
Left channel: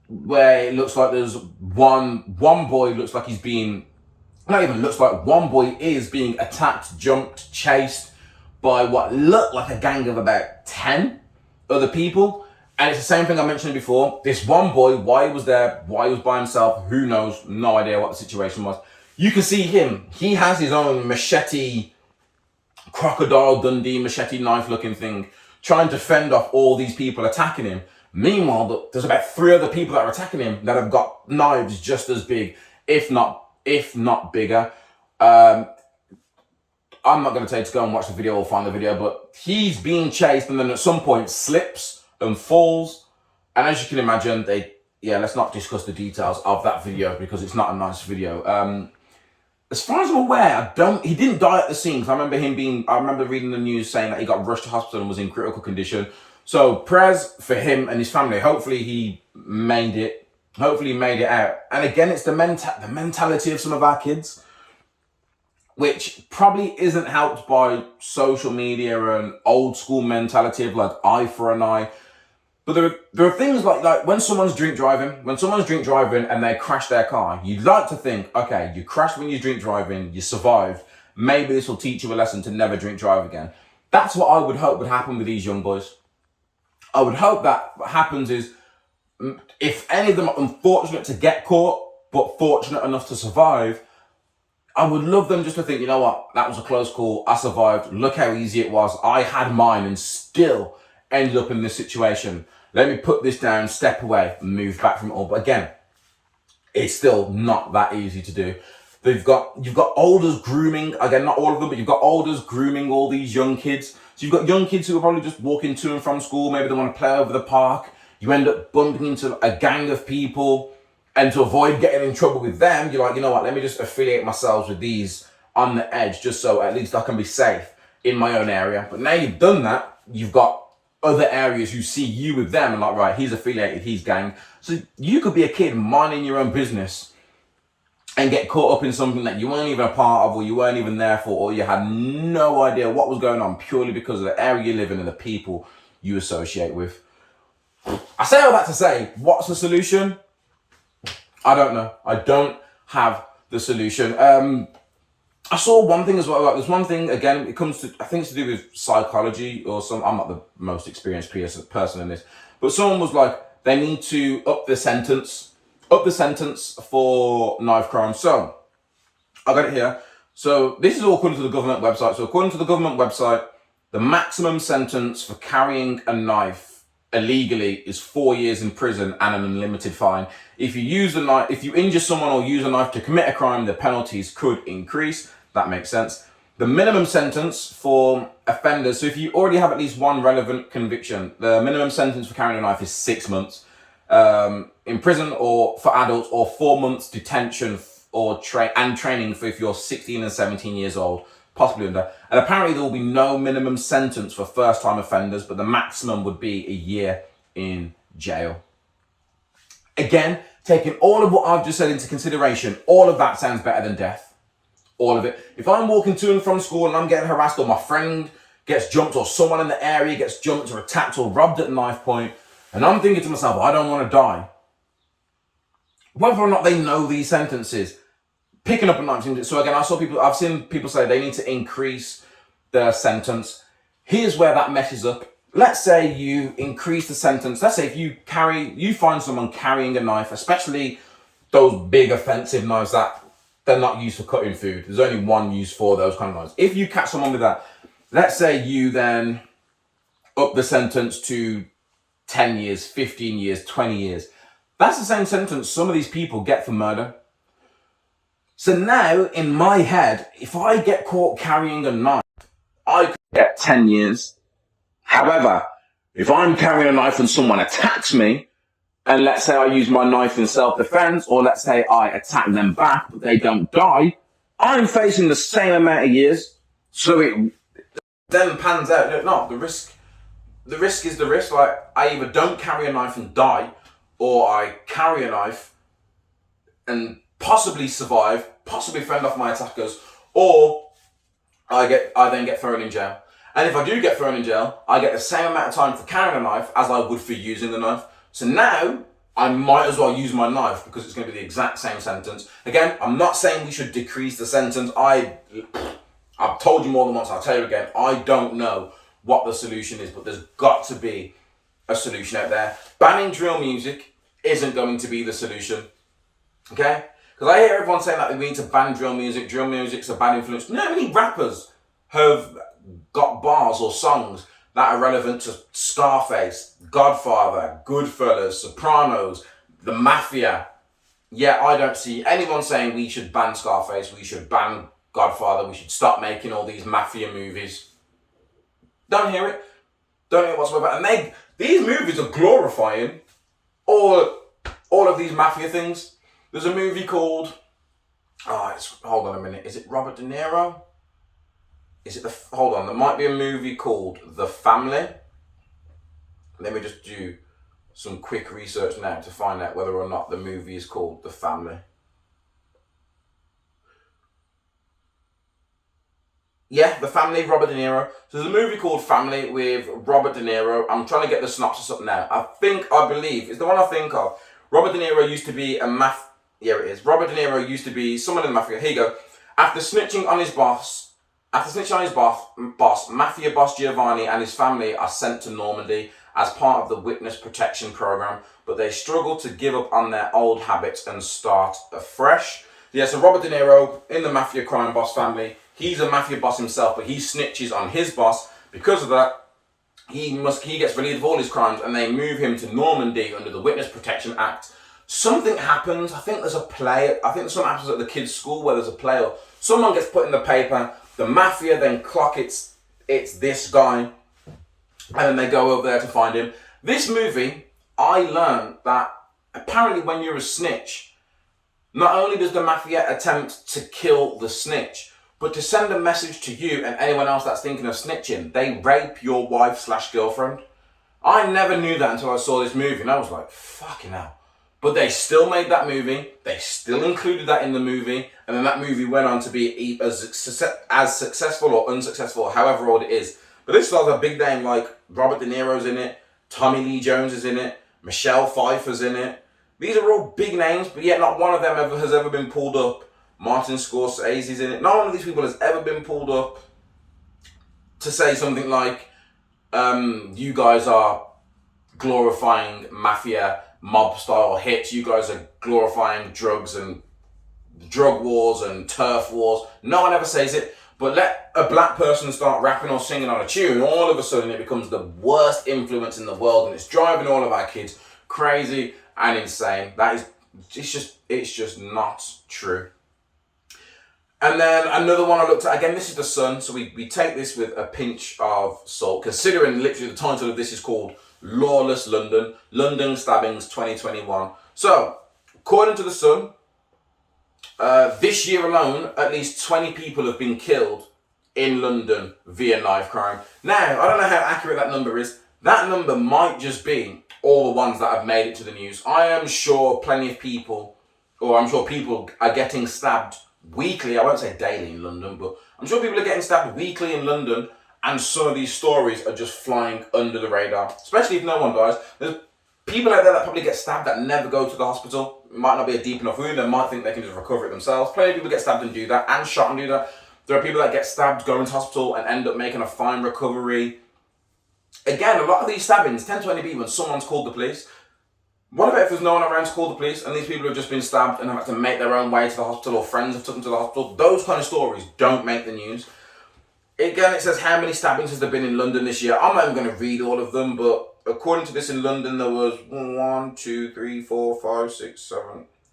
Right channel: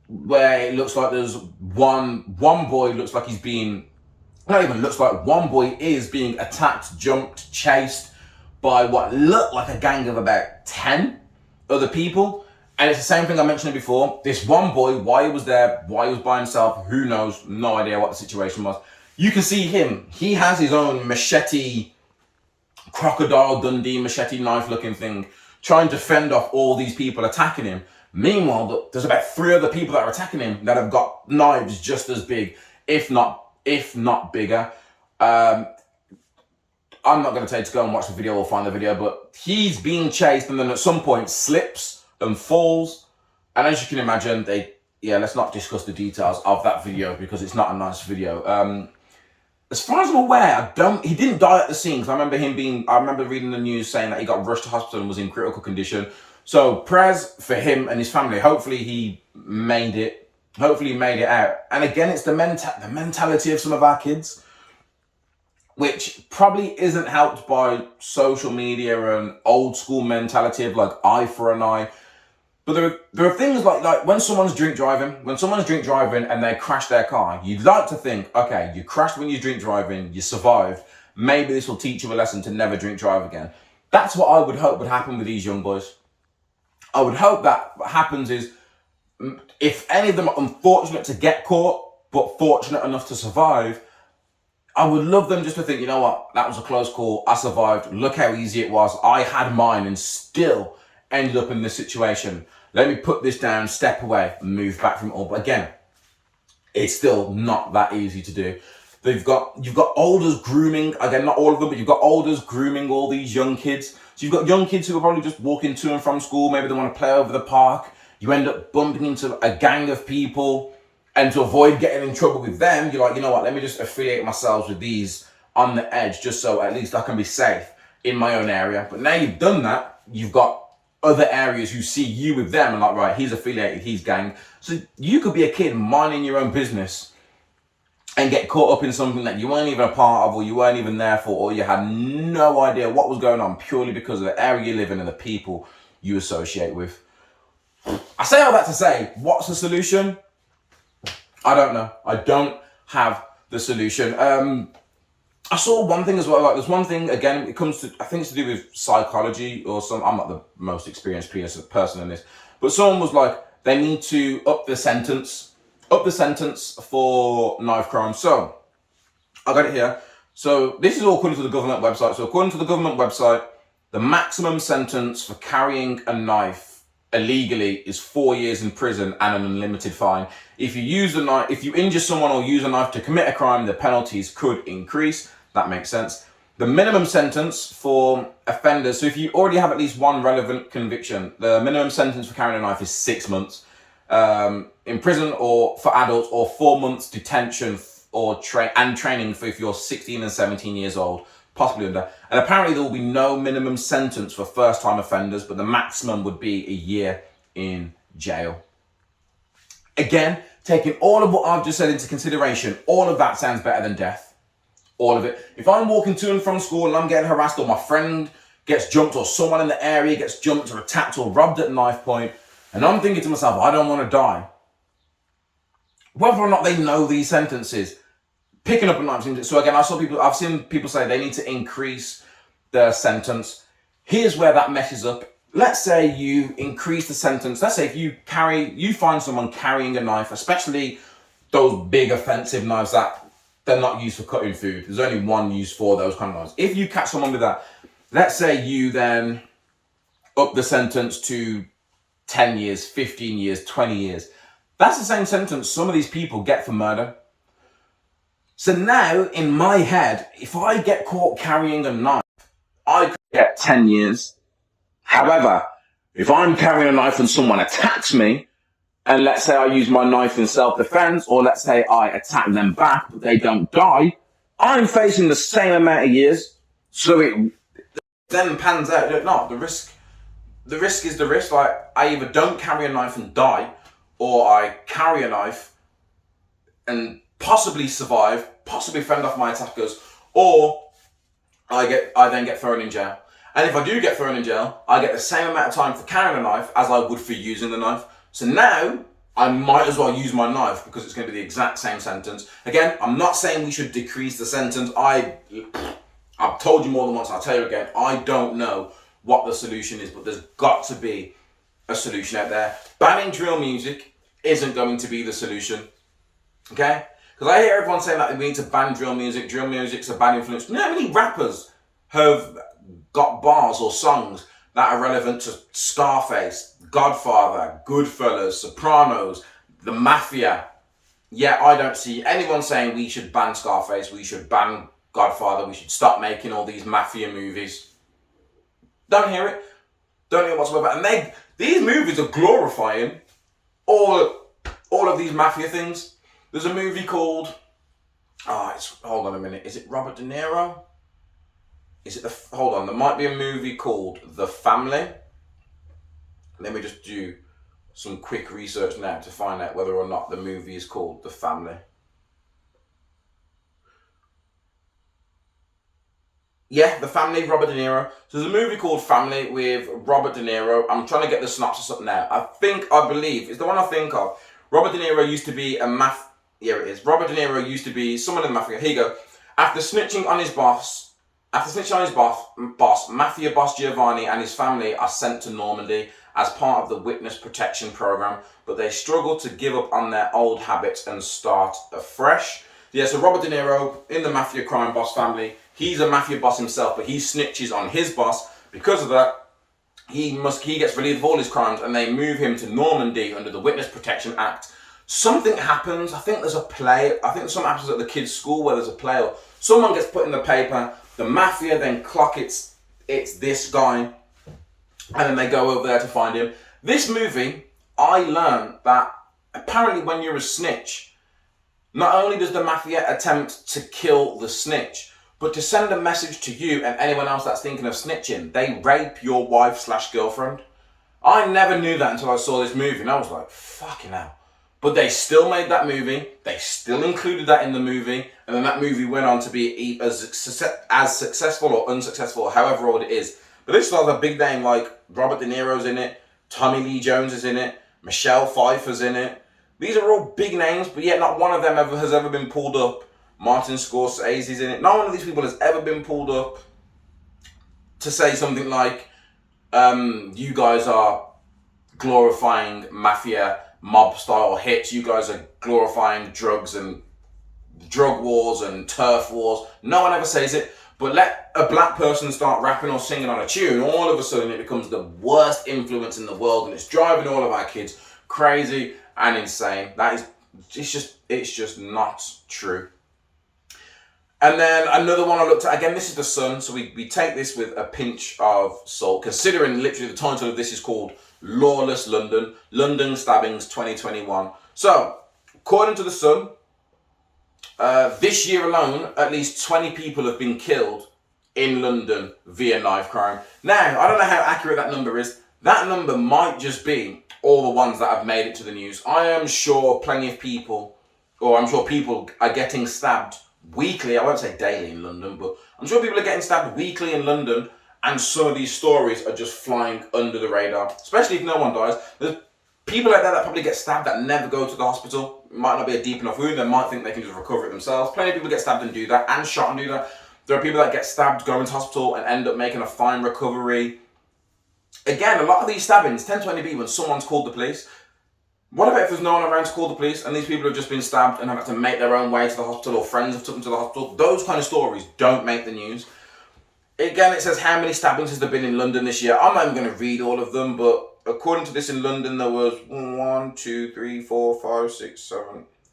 where it looks like there's one boy looks like he's being, not even looks like, one boy is being attacked, jumped, chased by what looked like a gang of about 10 other people. And it's the same thing I mentioned before. This one boy, why he was there, why he was by himself, who knows, no idea what the situation was. You can see him. He has his own machete, Crocodile Dundee machete knife looking thing, trying to fend off all these people attacking him. Meanwhile, there's about 3 other people that are attacking him that have got knives just as big, if not bigger. I'm not going to tell you to go and watch the video or find the video, but he's being chased and then at some point slips and falls. And as you can imagine, let's not discuss the details of that video because it's not a nice video. As far as I'm aware, he didn't die at the scene, because I remember reading the news saying that he got rushed to hospital and was in critical condition. So prayers for him and his family. Hopefully he made it out. And again, it's the mentality of some of our kids, which probably isn't helped by social media and old school mentality of like eye for an eye. But there are things like when someone's drink driving and they crash their car, you'd like to think, okay, you crashed when you drink driving, you survived. Maybe this will teach you a lesson to never drink drive again. That's what I would hope would happen with these young boys. I would hope that what happens is, if any of them are unfortunate to get caught, but fortunate enough to survive, I would love them just to think, you know what, that was a close call, I survived, look how easy it was, I had mine and still ended up in this situation. Let me put this down, step away, and move back from it all. But again, it's still not that easy to do. You've got olders grooming, again, not all of them, but you've got olders grooming all these young kids. So you've got young kids who are probably just walking to and from school, maybe they want to play over the park. You end up bumping into a gang of people, and to avoid getting in trouble with them, you're like, you know what, let me just affiliate myself with these on the edge, just so at least I can be safe in my own area. But now you've done that, you've got other areas who see you with them and like, right, he's affiliated, he's gang. So you could be a kid minding your own business and get caught up in something that you weren't even a part of, or you weren't even there for, or you had no idea what was going on, purely because of the area you live in and the people you associate with. I say all that to say, what's the solution? I don't know. I don't have the solution. I saw one thing as well. Like, there's one thing, again, it comes to, I think it's to do with psychology or some, I'm not the most experienced person in this, but someone was like, they need to up the sentence for knife crime. So I got it here. So this is all according to the government website. So according to the government website, the maximum sentence for carrying a knife illegally is 4 years in prison and an unlimited fine. If you use the knife, if you injure someone or use a knife to commit a crime, the penalties could increase. That makes sense. The minimum sentence for offenders, so if you already have at least one relevant conviction, the minimum sentence for carrying a knife is 6 months in prison, or for adults, or 4 months detention or training for if you're 16 and 17 years old, possibly under. And apparently there will be no minimum sentence for first-time offenders, but the maximum would be a year in jail. Again, taking all of what I've just said into consideration, all of that sounds better than death. All of it. If I'm walking to and from school and I'm getting harassed, or my friend gets jumped, or someone in the area gets jumped or attacked or robbed at knife point, and I'm thinking to myself, I don't want to die. Whether or not they know these sentences, picking up a knife. So again, I've seen people say they need to increase the sentence. Here's where that messes up. Let's say you increase the sentence. Let's say if you find someone carrying a knife, especially those big offensive knives that they're not used for cutting food. There's only one use for those kind of knives. If you catch someone with that, let's say you then up the sentence to 10 years, 15 years, 20 years. That's the same sentence some of these people get for murder. So now, in my head, if I get caught carrying a knife, I could get 10 years. However, if I'm carrying a knife and someone attacks me, and let's say I use my knife in self-defense, or let's say I attack them back, but they don't die, I'm facing the same amount of years. So it then pans out. No, the risk is the risk. Like, I either don't carry a knife and die, or I carry a knife and possibly survive, possibly fend off my attackers, or I then get thrown in jail. And if I do get thrown in jail, I get the same amount of time for carrying a knife as I would for using the knife. So now I might as well use my knife, because it's going to be the exact same sentence. Again, I'm not saying we should decrease the sentence. I've told you more than once, I'll tell you again, I don't know what the solution is, but there's got to be a solution out there. Banning drill music isn't going to be the solution, okay? Because I hear everyone saying that we need to ban drill music. Drill music's a bad influence. You know how many rappers have got bars or songs that are relevant to Scarface, Godfather, Goodfellas, Sopranos, the Mafia? Yeah, I don't see anyone saying we should ban Scarface, we should ban Godfather, we should stop making all these Mafia movies. Don't hear it. Don't hear it whatsoever. And these movies are glorifying all of these Mafia things. There's a movie called, hold on a minute, is it Robert De Niro? Hold on, there might be a movie called The Family. Let me just do some quick research now to find out whether or not the movie is called The Family. Yeah, The Family, Robert De Niro. So there's a movie called Family with Robert De Niro. I'm trying to get the synopsis up now. I believe, it's the one I think of. Robert De Niro used to be Robert De Niro used to be someone in the Mafia. Here you go. After snitching on his boss, Mafia boss Giovanni and his family are sent to Normandy as part of the witness protection program, but they struggle to give up on their old habits and start afresh. Yeah, so Robert De Niro in the Mafia crime boss family, he's a Mafia boss himself, but he snitches on his boss. Because of that, he gets relieved of all his crimes, and they move him to Normandy under the Witness Protection Act. Something happens. I think there's a play. I think something happens at the kids' school where there's a play, or someone gets put in the paper. The Mafia then clock it's this guy, and then they go over there to find him. This movie, I learned that apparently when you're a snitch, not only does the Mafia attempt to kill the snitch, but to send a message to you and anyone else that's thinking of snitching, they rape your wife/girlfriend. I never knew that until I saw this movie, and I was like, fucking hell. But they still made that movie. They still included that in the movie. And then that movie went on to be as successful or unsuccessful, however old it is. But this stars a big name like Robert De Niro's in it, Tommy Lee Jones is in it, Michelle Pfeiffer's in it. These are all big names, but yet not one of them has ever been pulled up. Martin Scorsese's in it. Not one of these people has ever been pulled up to say something like, you guys are glorifying mafia, mob style hits. You guys are glorifying drugs and drug wars and turf wars. No one ever says it. But let a black person start rapping or singing on a tune, all of a sudden it becomes the worst influence in the world, and it's driving all of our kids crazy and insane. It's just not true. And then another one I looked at, again, this is The Sun, so we take this with a pinch of salt, considering literally the title of this is called Lawless London, London Stabbings 2021. So, according to The Sun, this year alone, at least 20 people have been killed in London via knife crime. Now, I don't know how accurate that number is. That number might just be all the ones that have made it to the news. I am sure plenty of people, or I'm sure people are getting stabbed weekly. I won't say daily in London, but I'm sure people are getting stabbed weekly in London, and some of these stories are just flying under the radar, especially if no one dies. There's people out there that probably get stabbed that never go to the hospital. It might not be a deep enough wound. They might think they can just recover it themselves. Plenty of people get stabbed and do that, and shot and do that. There are people that get stabbed, go into hospital, and end up making a fine recovery. Again, a lot of these stabbings tend to only be when someone's called the police. What about if there's no one around to call the police and these people have just been stabbed and have had to make their own way to the hospital, or friends have took them to the hospital? Those kind of stories don't make the news. Again, it says how many stabbings has there been in London this year. I'm not even going to read all of them, but according to this, in London there was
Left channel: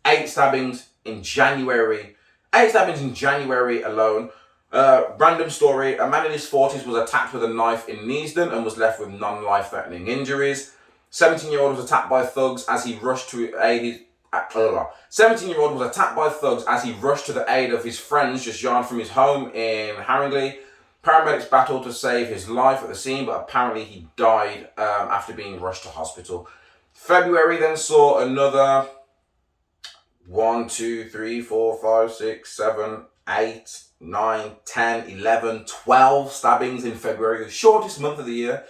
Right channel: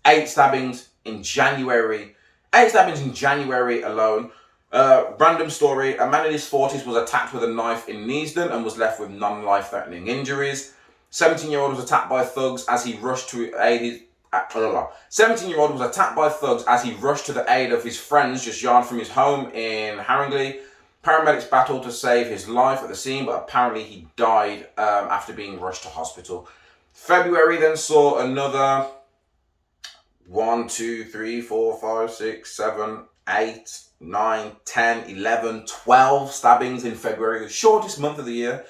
8 stabbings in January. 8 stabbings in January alone. Random story, a man in his 40s was attacked with a knife in Neasden and was left with non-life-threatening injuries. 17-year-old was attacked by thugs as he rushed to aid his... 17-year-old was attacked by thugs as he rushed to the aid of his friends just yard from his home in Haringey. Paramedics battled to save his life at the scene, but apparently he died after being rushed to hospital. February then saw another 8, 9, 10, 11, 12 stabbings in February, the shortest month of the year.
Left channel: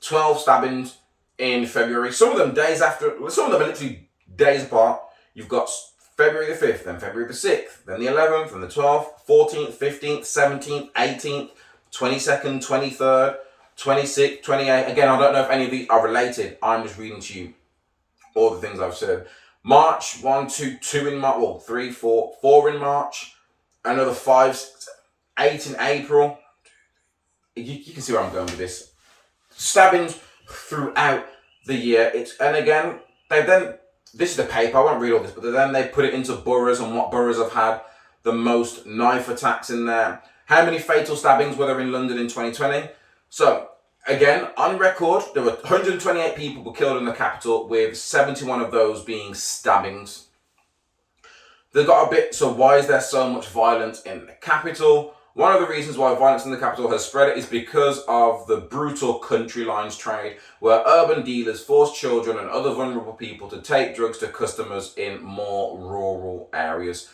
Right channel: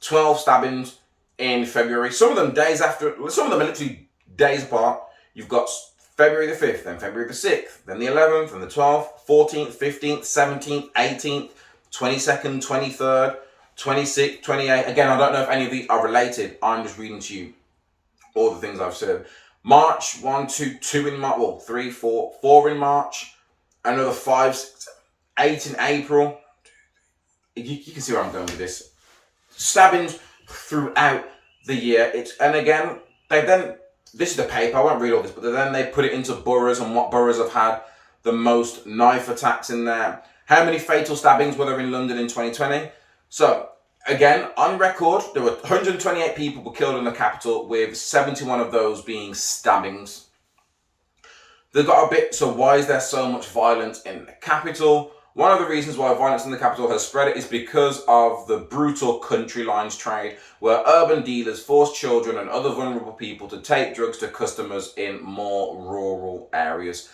12 stabbings in February. Some of them days after, some of them are literally days apart. You've got February the 5th, then February the 6th, then the 11th, then the 12th, 14th, 15th, 17th, 18th, 22nd, 23rd, 26th, 28th. Again, I don't know if any of these are related. I'm just reading to you all the things I've said. March, 1, 2 in March, well, 3, 4, 4 in March, another 5, 6, 8 in April. You can see where I'm going with this. Stabbings throughout the year. And again, this is the paper, I won't read all this, but then they put it into boroughs and what boroughs have had the most knife attacks in there. How many fatal stabbings were there in London in 2020? So, again, on record, there were 128 people were killed in the capital, with 71 of those being stabbings. They got a bit, so why is there so much violence in the capital? One of the reasons why violence in the capital has spread is because of the brutal country lines trade, where urban dealers force children and other vulnerable people to take drugs to customers in more rural areas.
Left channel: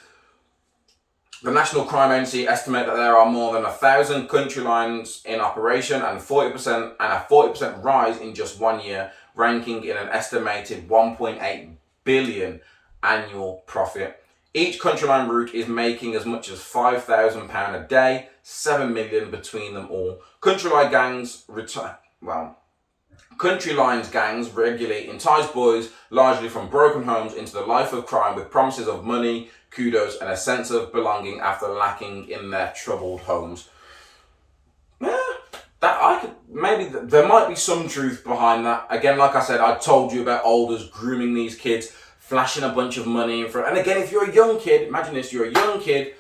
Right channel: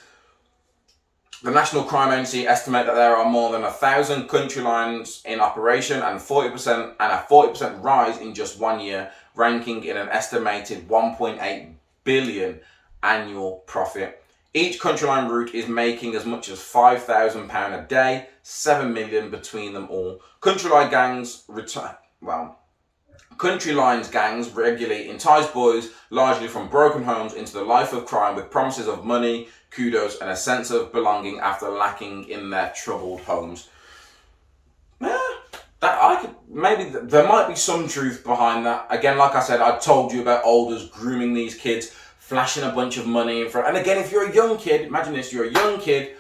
The National Crime Agency estimate that there are more than 1,000 country lines in operation, and a 40% rise in just 1 year, ranking in an estimated 1.8 billion annual profit. Each country line route is making as much as £5,000 a day, 7 million between them all. Country lines gangs regularly entice boys, largely from broken homes, into the life of crime with promises of money, kudos, and a sense of belonging after lacking in their troubled homes. There might be some truth behind that. Again, like I said, I told you about Alders grooming these kids, flashing a bunch of money in front. And again, if you're a young kid, imagine this, you're a young kid,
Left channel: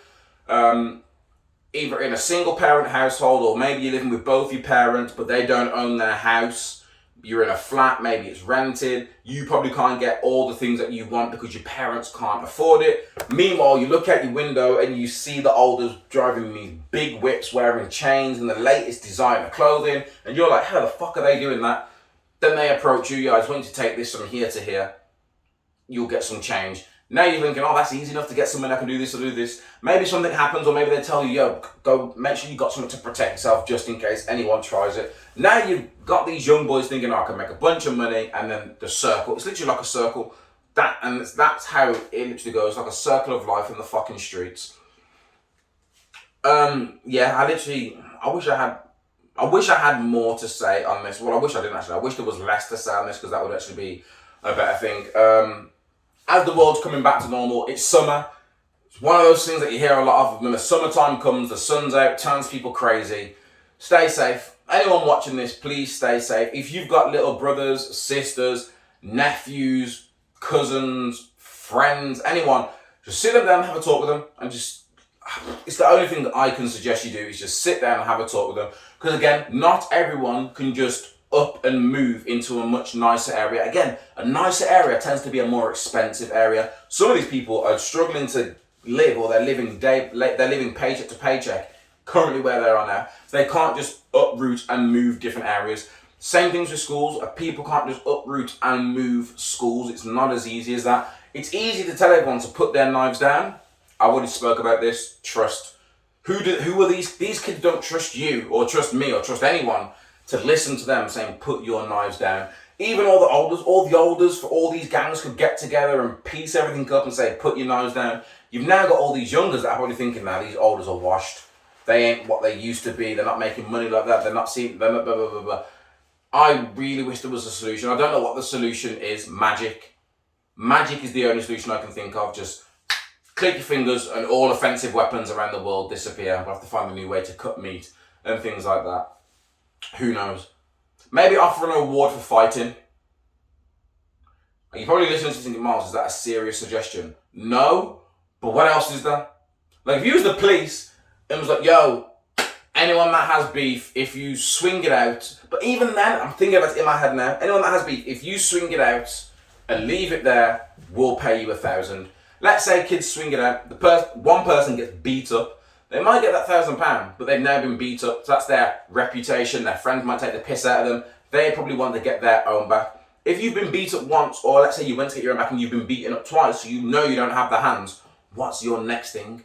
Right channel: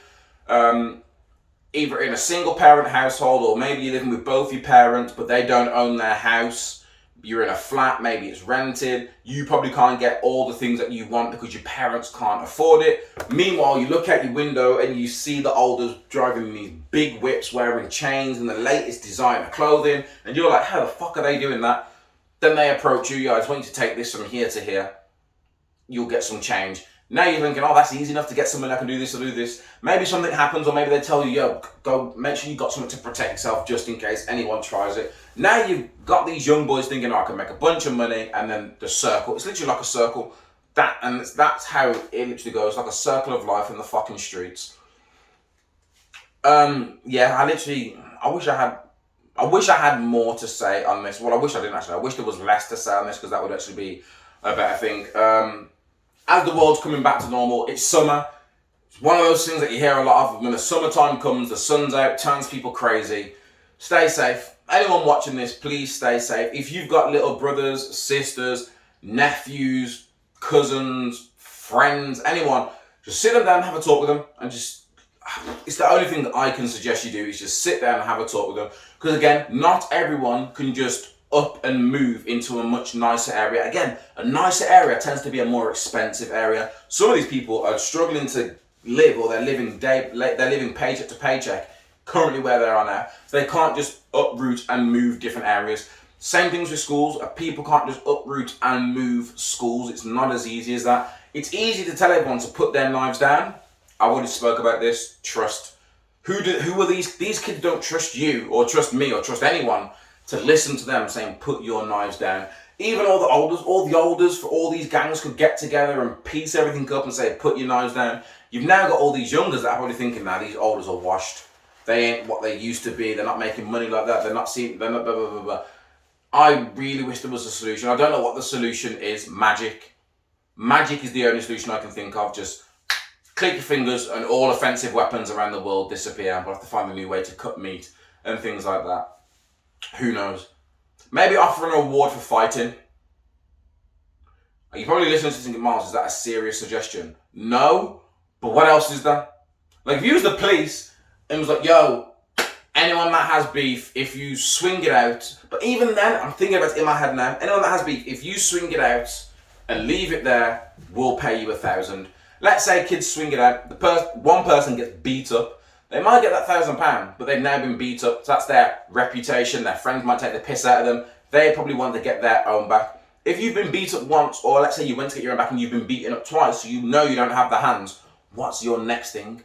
either in a single parent household, or maybe you're living with both your parents, but they don't own their house. You're in a flat, maybe it's rented. You probably can't get all the things that you want because your parents can't afford it. Meanwhile, you look out your window and you see the Alders driving these big whips, wearing chains and the latest designer clothing. And you're like, how the fuck are they doing that? Then they approach you, I just want you to take this from here to here. you'll get some change. Now you're thinking, oh, that's easy enough to get something, I can do this or do this. Maybe something happens, or maybe they tell you, yo, go make sure you got something to protect yourself just in case anyone tries it. Now you've got these young boys thinking, oh, I can make a bunch of money, and then the circle, it's literally like a circle. That's how it literally goes, like a circle of life in the fucking streets. Yeah, I wish I had more to say on this. Well, I wish I didn't actually. I wish there was less to say on this, because that would actually be a better thing. As the world's coming back to normal, it's summer. It's one of those things that you hear a lot of. When the summertime comes, the sun's out, turns people crazy. Stay safe. Anyone watching this, please stay safe. If you've got little brothers, sisters, nephews, cousins, friends, anyone, just sit them down and have a talk with them, and it's the only thing that I can suggest you do, is just sit down and have a talk with them. Because again, not everyone can just up and move into a much nicer area. Again, a nicer area tends to be a more expensive area. Some of these people are struggling to live, or they're living paycheck to paycheck currently where they are now. So they can't just uproot and move different areas. Same things with schools. People can't just uproot and move schools. It's not as easy as that. It's easy to tell everyone to put their knives down. I already spoke about this. Trust. Who are these? These kids don't trust you, or trust me, or trust anyone to listen to them saying, put your knives down. Even all the elders for all these gangs could get together and piece everything up and say, put your knives down. You've now got all these youngers that are probably thinking, now these elders are washed. They ain't what they used to be. They're not making money like that. They're not blah, blah, blah, blah. I really wish there was a solution. I don't know what the solution is. Magic. Magic is the only solution I can think of. Just click your fingers and all offensive weapons around the world disappear. We'll have to find a new way to cut meat and things like that. Who knows? Maybe offer an award for fighting. You're probably listening to this thinking, Myles, is that a serious suggestion? No, but what else is there? Like, if you was the police and was like, yo, anyone that has beef, if you swing it out, but even then, I'm thinking about it in my head now, anyone that has beef, if you swing it out and leave it there, we'll pay you $1,000. Let's say kids swing it out, one person gets beat up, they might get that £1,000, but they've now been beat up, so that's their reputation, their friends might take the piss out of them, they probably want to get their own back. If you've been beat up once, or let's say you went to get your own back and you've been beaten up twice, so you know you don't have the hands, what's your next thing?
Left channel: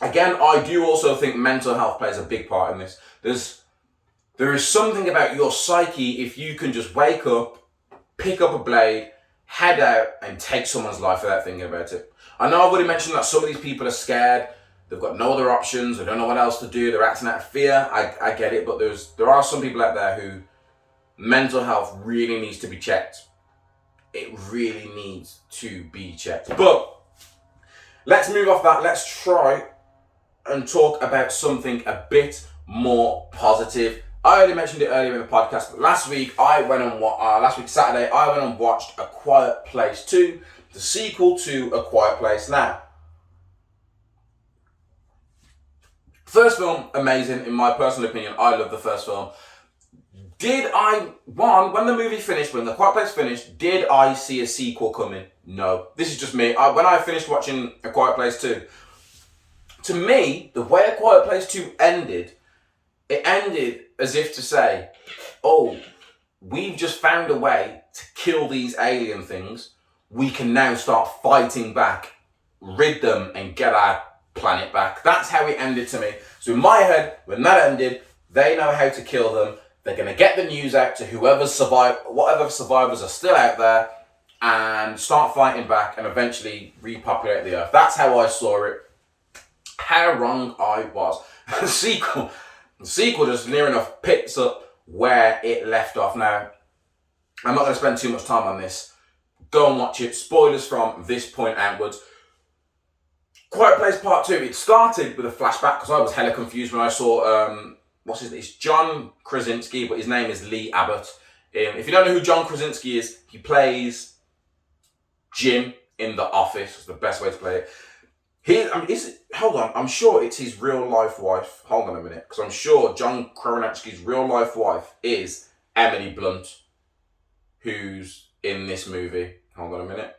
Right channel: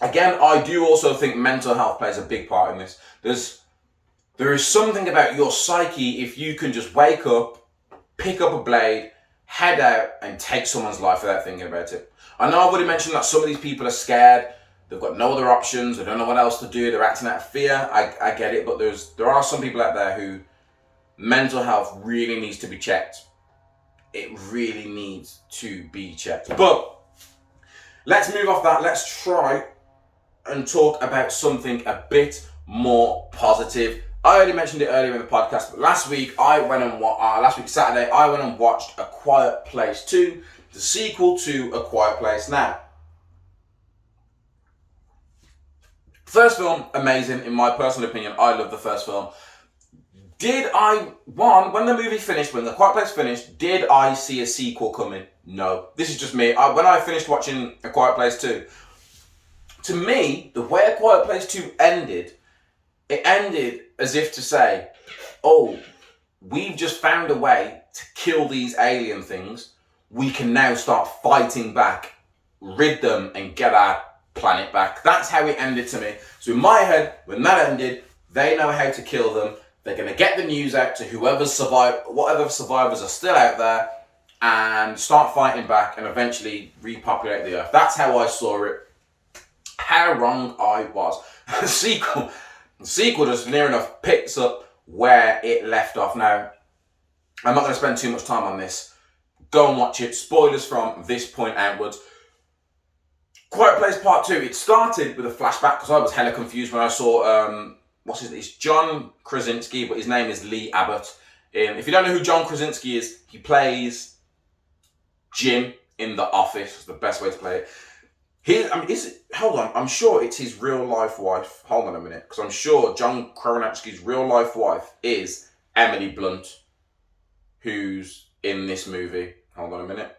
Again, I do also think mental health plays a big part in this. There is something about your psyche if you can just wake up, pick up a blade, head out and take someone's life without thinking about it. I know I've already mentioned that some of these people are scared. They've got no other options. They don't know what else to do. They're acting out of fear. I get it, but there are some people out there who mental health really needs to be checked. It really needs to be checked. But let's move off that. Let's try and talk about something a bit more positive. I already mentioned it earlier in the podcast, but last week Saturday, I went and watched A Quiet Place 2, the sequel to A Quiet Place. Now, first film, amazing, in my personal opinion. I love the first film. When the movie finished, when The Quiet Place finished, did I see a sequel coming? No. This is just me. When I finished watching A Quiet Place 2, to me, the way A Quiet Place 2 ended, it ended as if to say, oh, we've just found a way to kill these alien things. We can now start fighting back, rid them, and get our planet back. That's how it ended to me. So in my head, when that ended, they know how to kill them. They're going to get the news out to whatever survivors are still out there, and start fighting back and eventually repopulate the Earth. That's how I saw it. How wrong I was. The sequel just near enough picks up where it left off. Now, I'm not going to spend too much time on this. Go and watch it. Spoilers from this point outwards. Quiet Place Part 2. It started with a flashback because I was hella confused when I saw, it's John Krasinski, but his name is Lee Abbott. If you don't know who John Krasinski is, he plays Jim in The Office. It's the best way to play it. Hold on, I'm sure it's his real life wife. Hold on a minute, because I'm sure John Krasinski's real life wife is Emily Blunt, who's in this movie. Hold on a minute.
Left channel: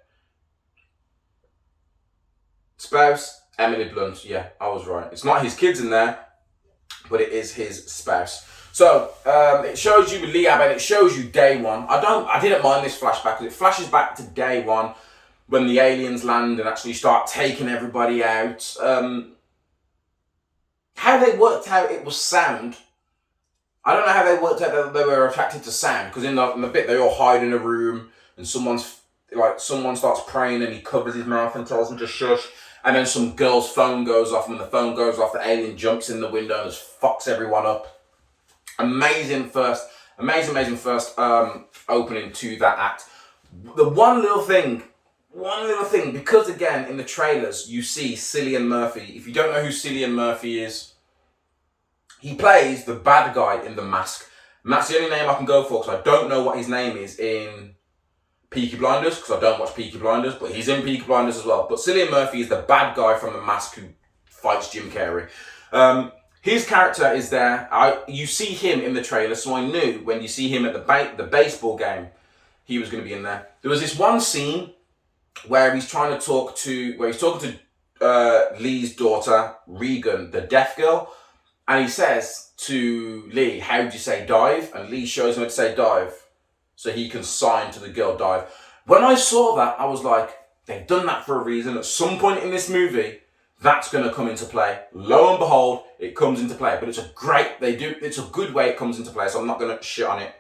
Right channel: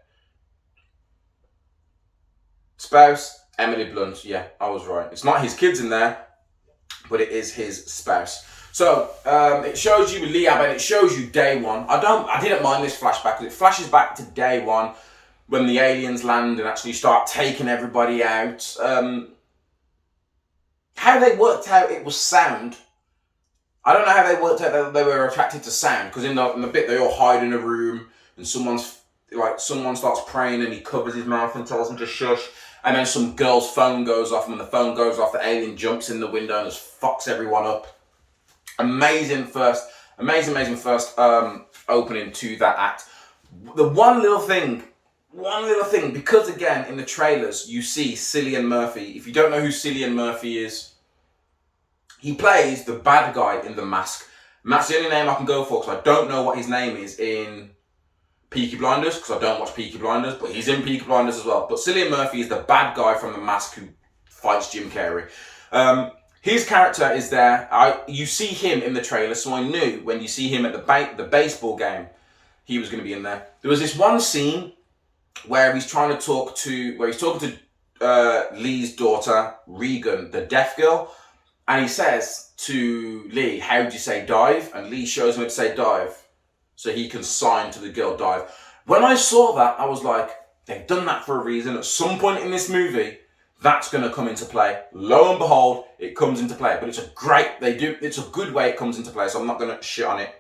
Spouse, Emily Blunt. Yeah, I was right. It's not his kids in there, but it is his spouse. So it shows you with Liab and it shows you day one. I didn't mind this flashback because it flashes back to day one when the aliens land and actually start taking everybody out. How they worked out it was sound. I don't know how they worked out that they were attracted to sound, because in the bit they all hide in a room and someone starts praying and he covers his mouth and tells them to shush, and then some girl's phone goes off, and when the phone goes off, the alien jumps in the window and just fucks everyone up. Amazing first opening to that act. The one little thing, because again in the trailers you see Cillian Murphy. If you don't know who Cillian Murphy is, he plays the bad guy in The Mask. And that's the only name I can go for because I don't know what his name is in Peaky Blinders, because I don't watch Peaky Blinders, but he's in Peaky Blinders as well. But Cillian Murphy is the bad guy from The Mask who fights Jim Carrey. His character is there. You see him in the trailer, so I knew when you see him at the baseball game, he was going to be in there. There was this one scene where he's talking to Lee's daughter, Regan, the deaf girl, and he says to Lee, "How do you say dive?" And Lee shows him how to say dive, so he can sign to the girl dive. When I saw that, I was like, they've done that for a reason. At some point in this movie, that's going to come into play. Lo and behold, it comes into play. But it's a good way it comes into play, so I'm not going to shit on it.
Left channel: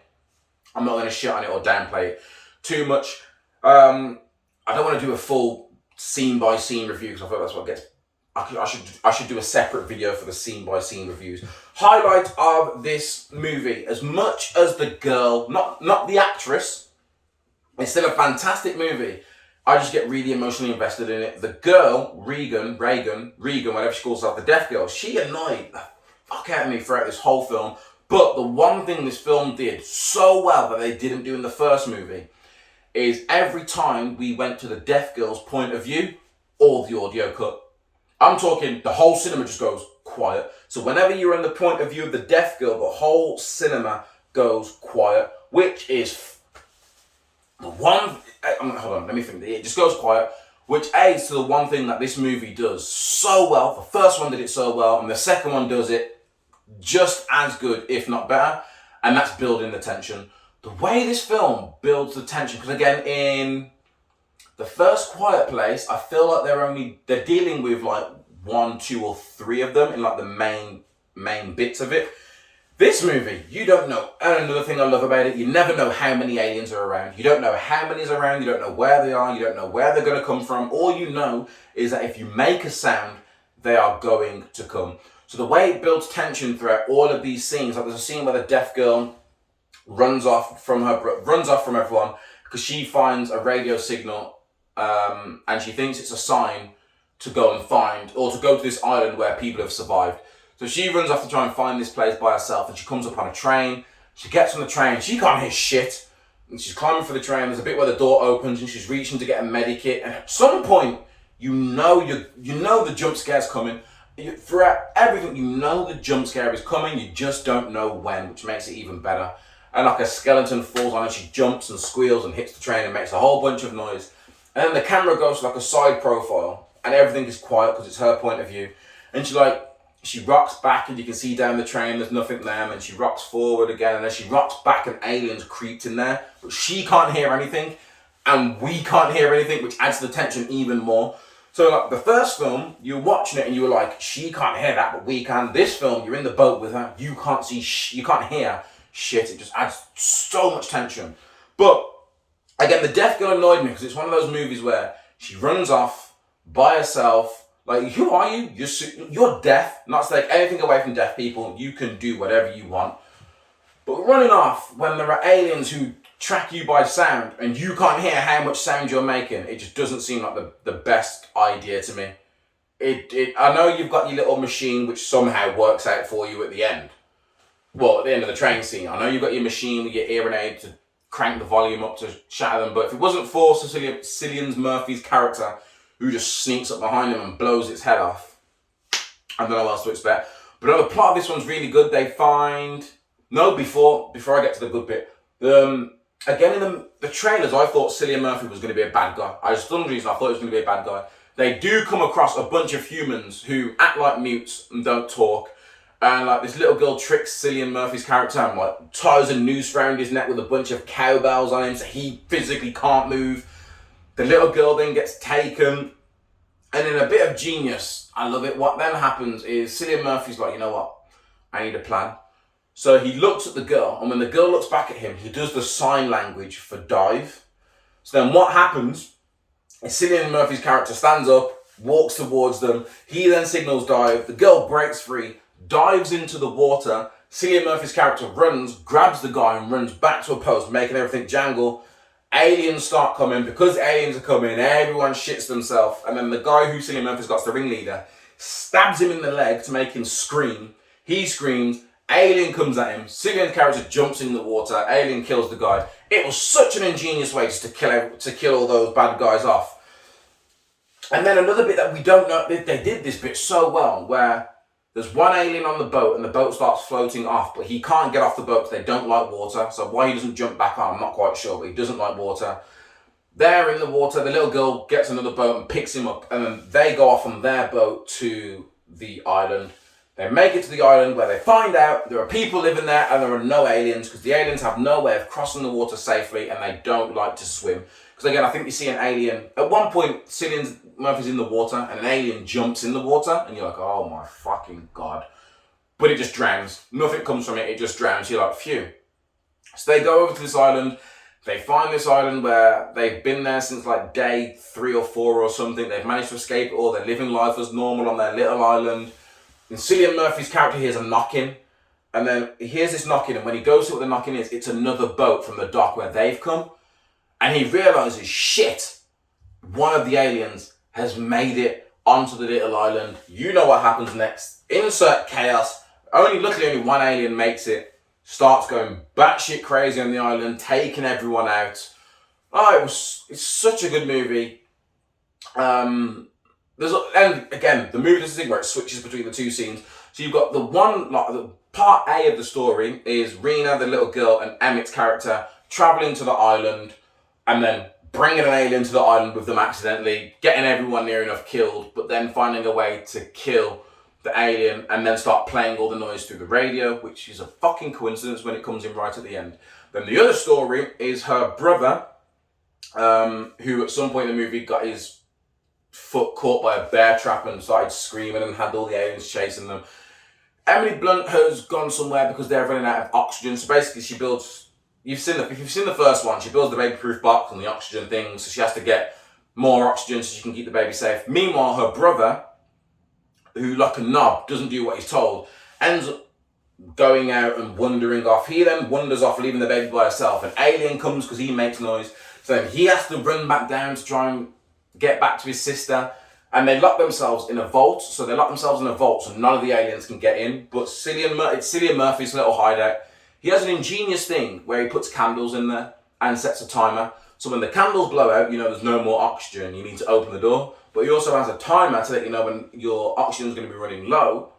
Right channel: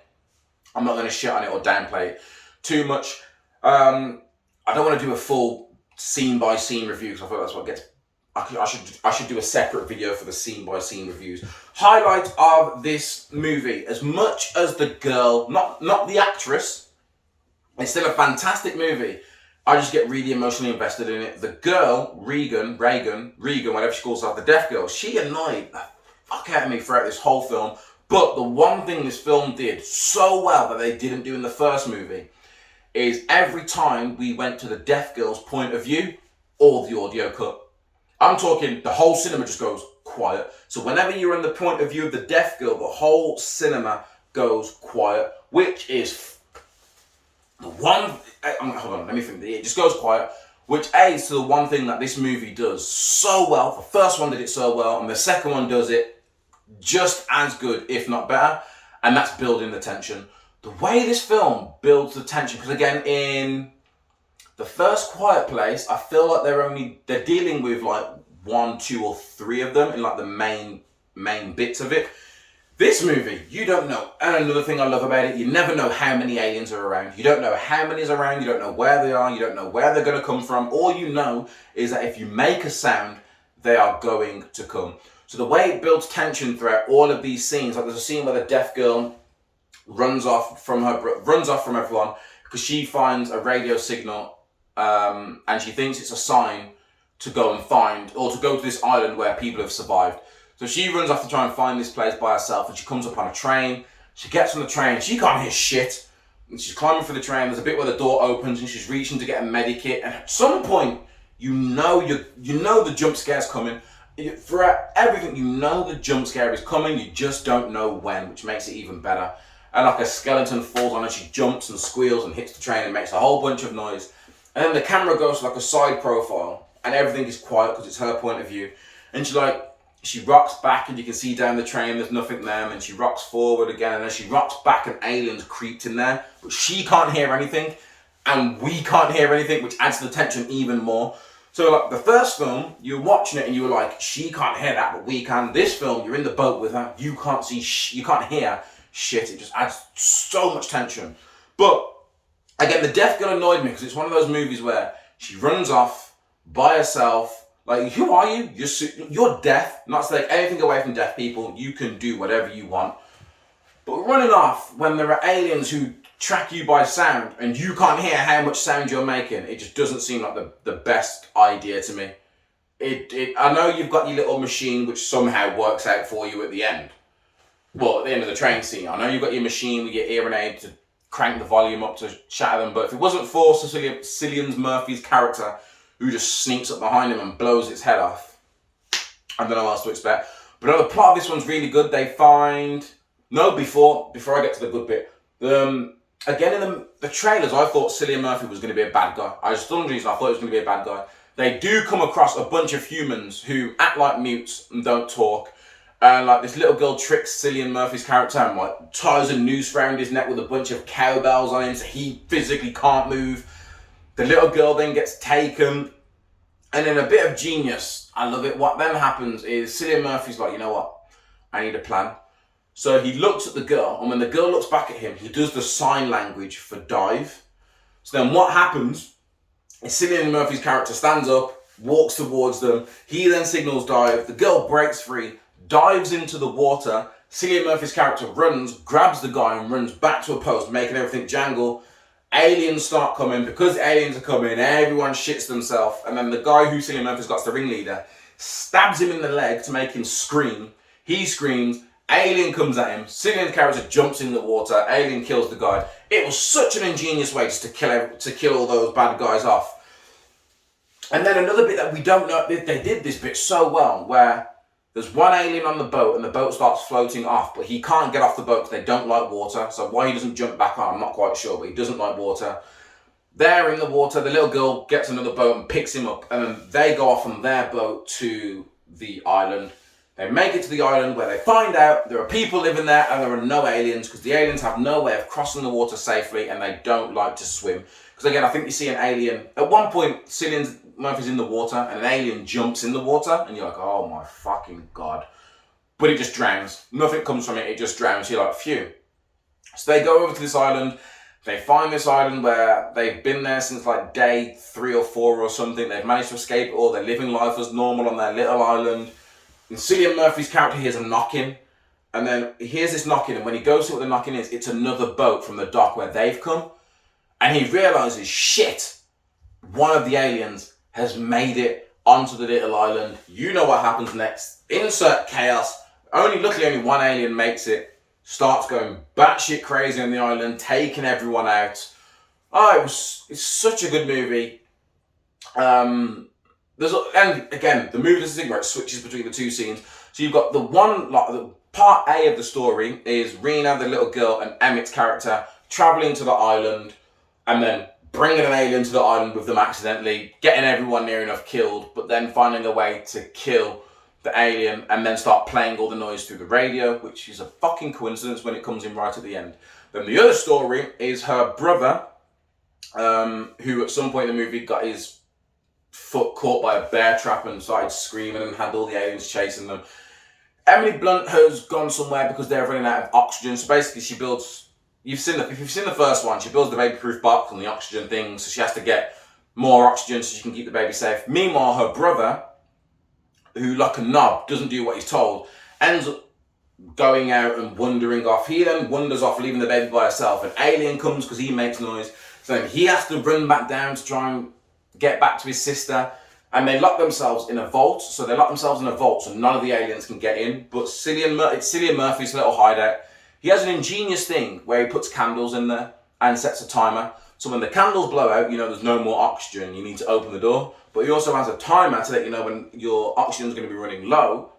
I'm not going to shit on it or downplay it too much. I don't want to do a full scene-by-scene review, because I thought that's what gets... I should do a separate video for the scene-by-scene reviews. Highlights of this movie. As much as the girl, not the actress, it's still a fantastic movie. I just get really emotionally invested in it. The girl, Regan, whatever she calls herself, the deaf girl, she annoyed the fuck out of me throughout this whole film. But the one thing this film did so well that they didn't do in the first movie is every time we went to the deaf girl's point of view, all the audio cut. I'm talking, the whole cinema just goes quiet. So whenever you're in the point of view of the deaf girl, the whole cinema goes quiet, which is the one... Hold on, let me think. It just goes quiet, which aids to the one thing that this movie does so well. The first one did it so well, and the second one does it just as good, if not better, and that's building the tension. The way this film builds the tension, because again, in the first Quiet Place, I feel like they're dealing with like 1, 2, or 3 of them in like the main bits of it. This movie, you don't know. And another thing I love about it, you never know how many aliens are around. You don't know how many is around. You don't know where they are. You don't know where they're going to come from. All you know is that if you make a sound, they are going to come. So the way it builds tension throughout all of these scenes, like there's a scene where the deaf girl runs off from everyone because she finds a radio signal, and she thinks it's a sign to go and find, or to go to this island where people have survived. So she runs off to try and find this place by herself, and she comes up on a train. She gets on the train, she can't hear shit, and she's climbing for the train. There's a bit where the door opens and she's reaching to get a medikit, and at some point, you know the jump scare's coming. Throughout everything, you know the jump scare is coming, you just don't know when, which makes it even better. And like a skeleton falls on her, she jumps and squeals and hits the train and makes a whole bunch of noise. And then the camera goes to like a side profile, and everything is quiet because it's her point of view. And she rocks back, and you can see down the train there's nothing there, and then she rocks forward again, and then she rocks back and aliens creeped in there, but she can't hear anything and we can't hear anything, which adds the tension even more. So like the first film, you're watching it and you were like, she can't hear that, but we can. This film, you're in the boat with her, you can't you can't hear shit. It just adds so much tension. But again, the deaf girl annoyed me because it's one of those movies where she runs off by herself. Like, who are you? You're deaf. Not to take anything away from deaf people. You can do whatever you want. But running off when there are aliens who track you by sound and you can't hear how much sound you're making, it just doesn't seem like the best idea to me. I know you've got your little machine which somehow works out for you at the end. Well, at the end of the train scene. I know you've got your machine with your hearing aid to crank the volume up to shatter them, but if it wasn't for Cillian Murphy's character, who just sneaks up behind him and blows its head off, I don't know what else to expect. But no, the plot of this one's really good. They find... No, before I get to the good bit. Again, in the trailers, I thought Cillian Murphy was going to be a bad guy. For some reason, I thought he was going to be a bad guy. They do come across a bunch of humans who act like mutes and don't talk. And like this little girl tricks Cillian Murphy's character and like ties a noose around his neck with a bunch of cowbells on him so he physically can't move. The little girl then gets taken. And in a bit of genius, I love it, what then happens is Cillian Murphy's like, you know what? I need a plan. So he looks at the girl, and when the girl looks back at him, he does the sign language for dive. So then what happens is Cillian Murphy's character stands up, walks towards them. He then signals dive. The girl breaks free, dives into the water. Cillian Murphy's character runs, grabs the guy, and runs back to a post, making everything jangle. Aliens start coming. Because aliens are coming, everyone shits themselves. And then the guy who Cillian Murphy's got, the ringleader, stabs him in the leg to make him scream. He screams. Alien comes at him. Cillian's character jumps in the water. Alien kills the guy. It was such an ingenious way just to kill all those bad guys off. And then another bit that we don't know, they did this bit so well, where there's one alien on the boat and the boat starts floating off, but he can't get off the boat because they don't like water. So why he doesn't jump back on, I'm not quite sure, but he doesn't like water. They're in the water. The little girl gets another boat and picks him up, and then they go off on their boat to the island. They make it to the island where they find out there are people living there and there are no aliens because the aliens have no way of crossing the water safely and they don't like to swim. Because again, I think you see an alien. At one point, Cillian Murphy's in the water and an alien jumps in the water and you're like, oh my fucking God. But it just drowns. Nothing comes from it. It just drowns. You're like, phew. So they go over to this island. They find this island where they've been there since like day 3 or 4 or something. They've managed to escape it all. They're living life as normal on their little island. And Cillian Murphy's character hears a knocking, and then he hears this knocking, and when he goes to what the knocking is, it's another boat from the dock where they've come, and he realizes, shit, one of the aliens has made it onto the little island. You know what happens next. Insert chaos. Luckily only one alien makes it, starts going batshit crazy on the island, taking everyone out. It's such a good movie. And again, the movie does this thing where it switches between the two scenes. So you've got the part A of the story is Rena, the little girl, and Emmett's character traveling to the island and then bringing an alien to the island with them accidentally, getting everyone near enough killed, but then finding a way to kill the alien and then start playing all the noise through the radio, which is a fucking coincidence when it comes in right at the end. Then the other story is her brother, who at some point in the movie got his foot caught by a bear trap and started screaming and had all the aliens chasing them. Emily Blunt has gone somewhere because they're running out of oxygen. So basically she builds, if you've seen the first one, she builds the baby-proof box and the oxygen thing, so she has to get more oxygen so she can keep the baby safe. Meanwhile, her brother, who like a knob, doesn't do what he's told, ends up going out and wandering off. He then wanders off, leaving the baby by herself. An alien comes because he makes noise. So then he has to run back down to try and get back to his sister, and they lock themselves in a vault. So none of the aliens can get in. But it's Cillian Murphy's little hideout. He has an ingenious thing where he puts candles in there and sets a timer. So when the candles blow out, you know there's no more oxygen. You need to open the door. But he also has a timer to let you know when your oxygen is going to be running low.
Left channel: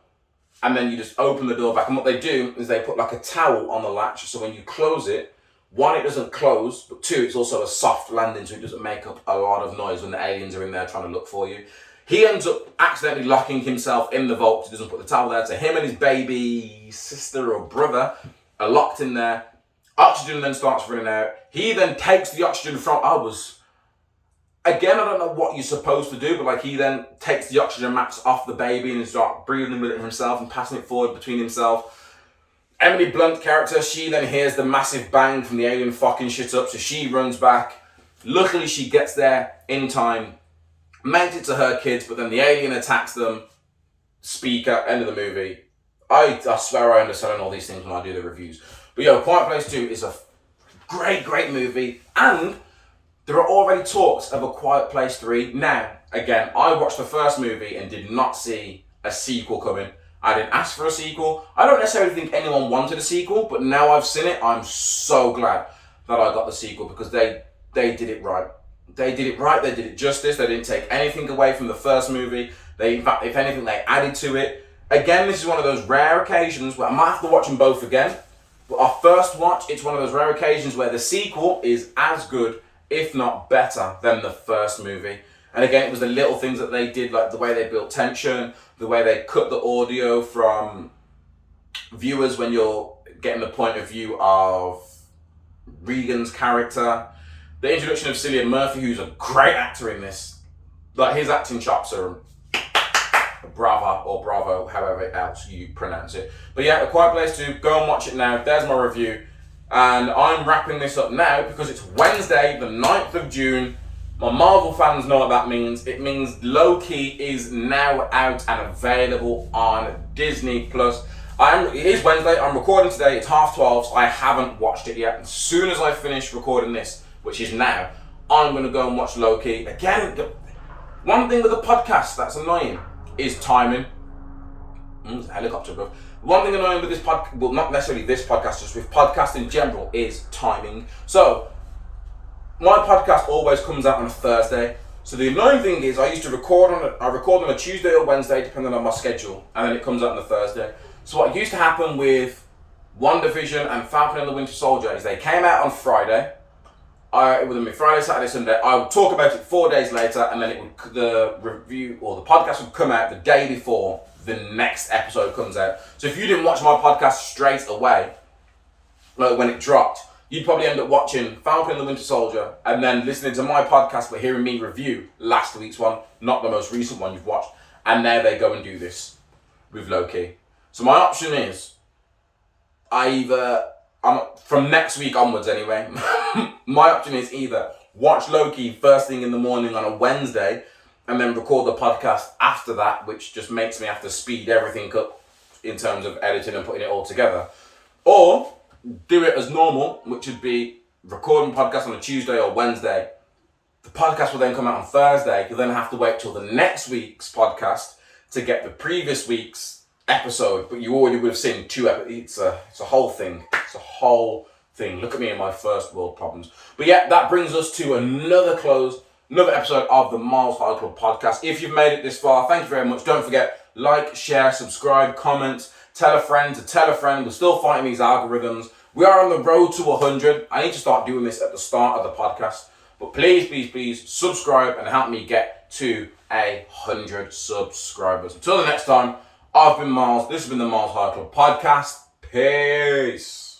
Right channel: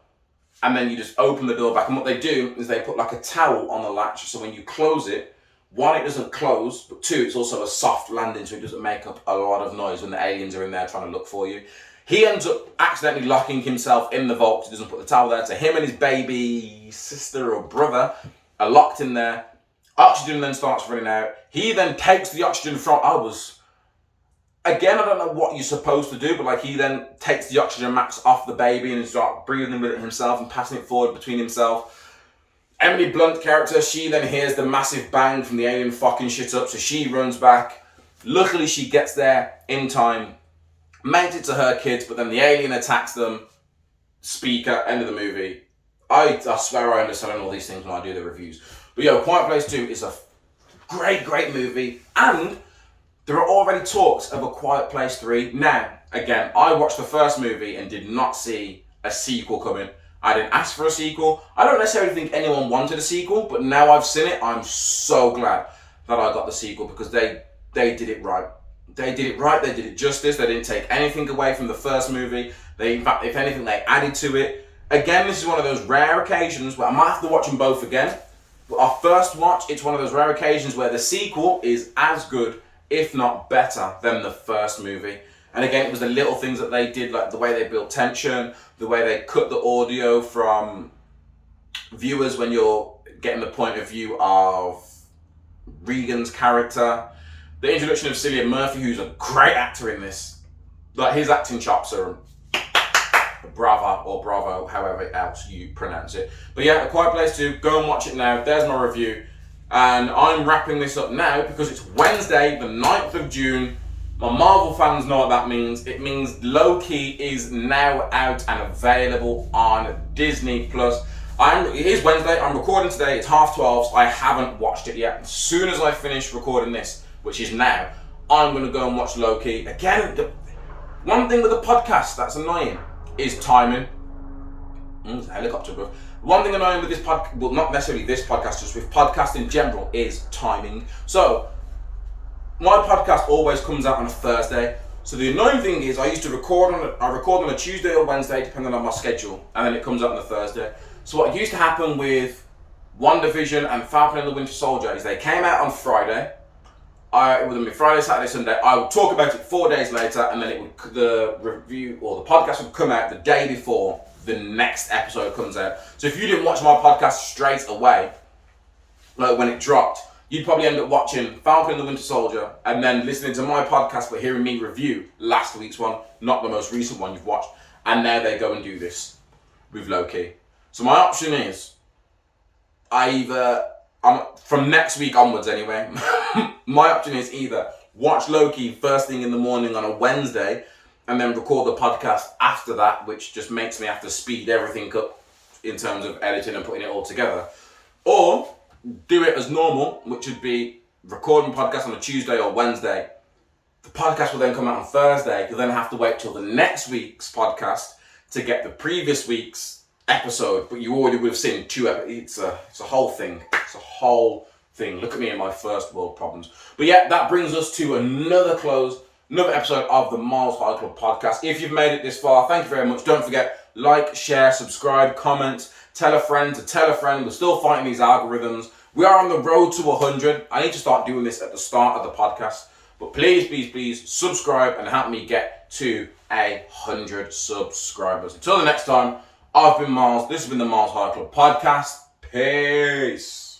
And then you just open the door back. And what they do is they put like a towel on the latch. So when you close it, 1, it doesn't close, but 2, it's also a soft landing, so it doesn't make up a lot of noise when the aliens are in there trying to look for you. He ends up accidentally locking himself in the vault because he doesn't put the towel there. So him and his baby sister or brother are locked in there. Oxygen then starts running out. He then takes the oxygen from... Again, I don't know what you're supposed to do, but like he then takes the oxygen max off the baby and starts breathing with it himself and passing it forward between himself. Emily Blunt character, she then hears the massive bang from the alien fucking shit up, so she runs back. Luckily, she gets there in time, makes it to her kids, but then the alien attacks them. Speaker, end of the movie. I swear I understand all these things when I do the reviews. But Quiet Place 2 is a great, great movie, and there are already talks of a Quiet Place 3. Now, again, I watched the first movie and did not see a sequel coming. I didn't ask for a sequel. I don't necessarily think anyone wanted a sequel, but now I've seen it, I'm so glad that I got the sequel because they did it right. They did it right, they did it justice, they didn't take anything away from the first movie. In fact, if anything, they added to it. Again, this is one of those rare occasions where I might have to watch them both again, but our first watch, it's one of those rare occasions where the sequel is as good, if not better, than the first movie. And again, it was the little things that they did, like the way they built tension, the way they cut the audio from viewers when you're getting the point of view of Regan's character. The introduction of Cillian Murphy, who's a great actor in this. Like, his acting chops are brava or bravo, however else you pronounce it. But yeah, A Quiet Place 2, go and watch it now. There's my review. And I'm wrapping this up now because it's Wednesday, the 9th of June. My Marvel fans know what that means. It means Loki is now out and available on Disney+. It is Wednesday, I'm recording today, it's 12:30, so I haven't watched it yet. As soon as I finish recording this, which is now, I'm going to go and watch Loki. Again, one thing with the podcast that's annoying is timing. It's a helicopter, bro. One thing annoying with this podcast, well, not necessarily this podcast, just with podcast in general, is timing. So, my podcast always comes out on a Thursday. So the annoying thing is I record on a Tuesday or Wednesday, depending on my schedule, and then it comes out on a Thursday. So what used to happen with WandaVision and Falcon and the Winter Soldier is they came out on Friday. It would be Friday, Saturday, Sunday. I would talk about it 4 days later, and then the review or the podcast would come out the day before the next episode comes out. So if you didn't watch my podcast straight away, like when it dropped, you'd probably end up watching Falcon and the Winter Soldier and then listening to my podcast but hearing me review last week's one, not the most recent one you've watched. And now they go and do this with Loki. So my option is, from next week onwards anyway, my option is either watch Loki first thing in the morning on a Wednesday and then record the podcast after that, which just makes me have to speed everything up in terms of editing and putting it all together. Or do it as normal, which would be recording podcast on a Tuesday or Wednesday. The podcast will then come out on Thursday. You'll then have to wait till the next week's podcast to get the previous week's episode, but you already would have seen two episodes. It's a whole thing. It's a whole thing. Look at me and my first world problems. But yeah, that brings us to another episode of the MylesHighClub podcast. If you've made it this far, thank you very much. Don't forget, like, share, subscribe, comment, tell a friend to tell a friend. We're still fighting these algorithms. We are on the road to 100. I need to start doing this at the start of the podcast. But please subscribe and help me get to 100 subscribers. Until the next time, I've been Myles. This has been the MylesHighClub podcast. Peace.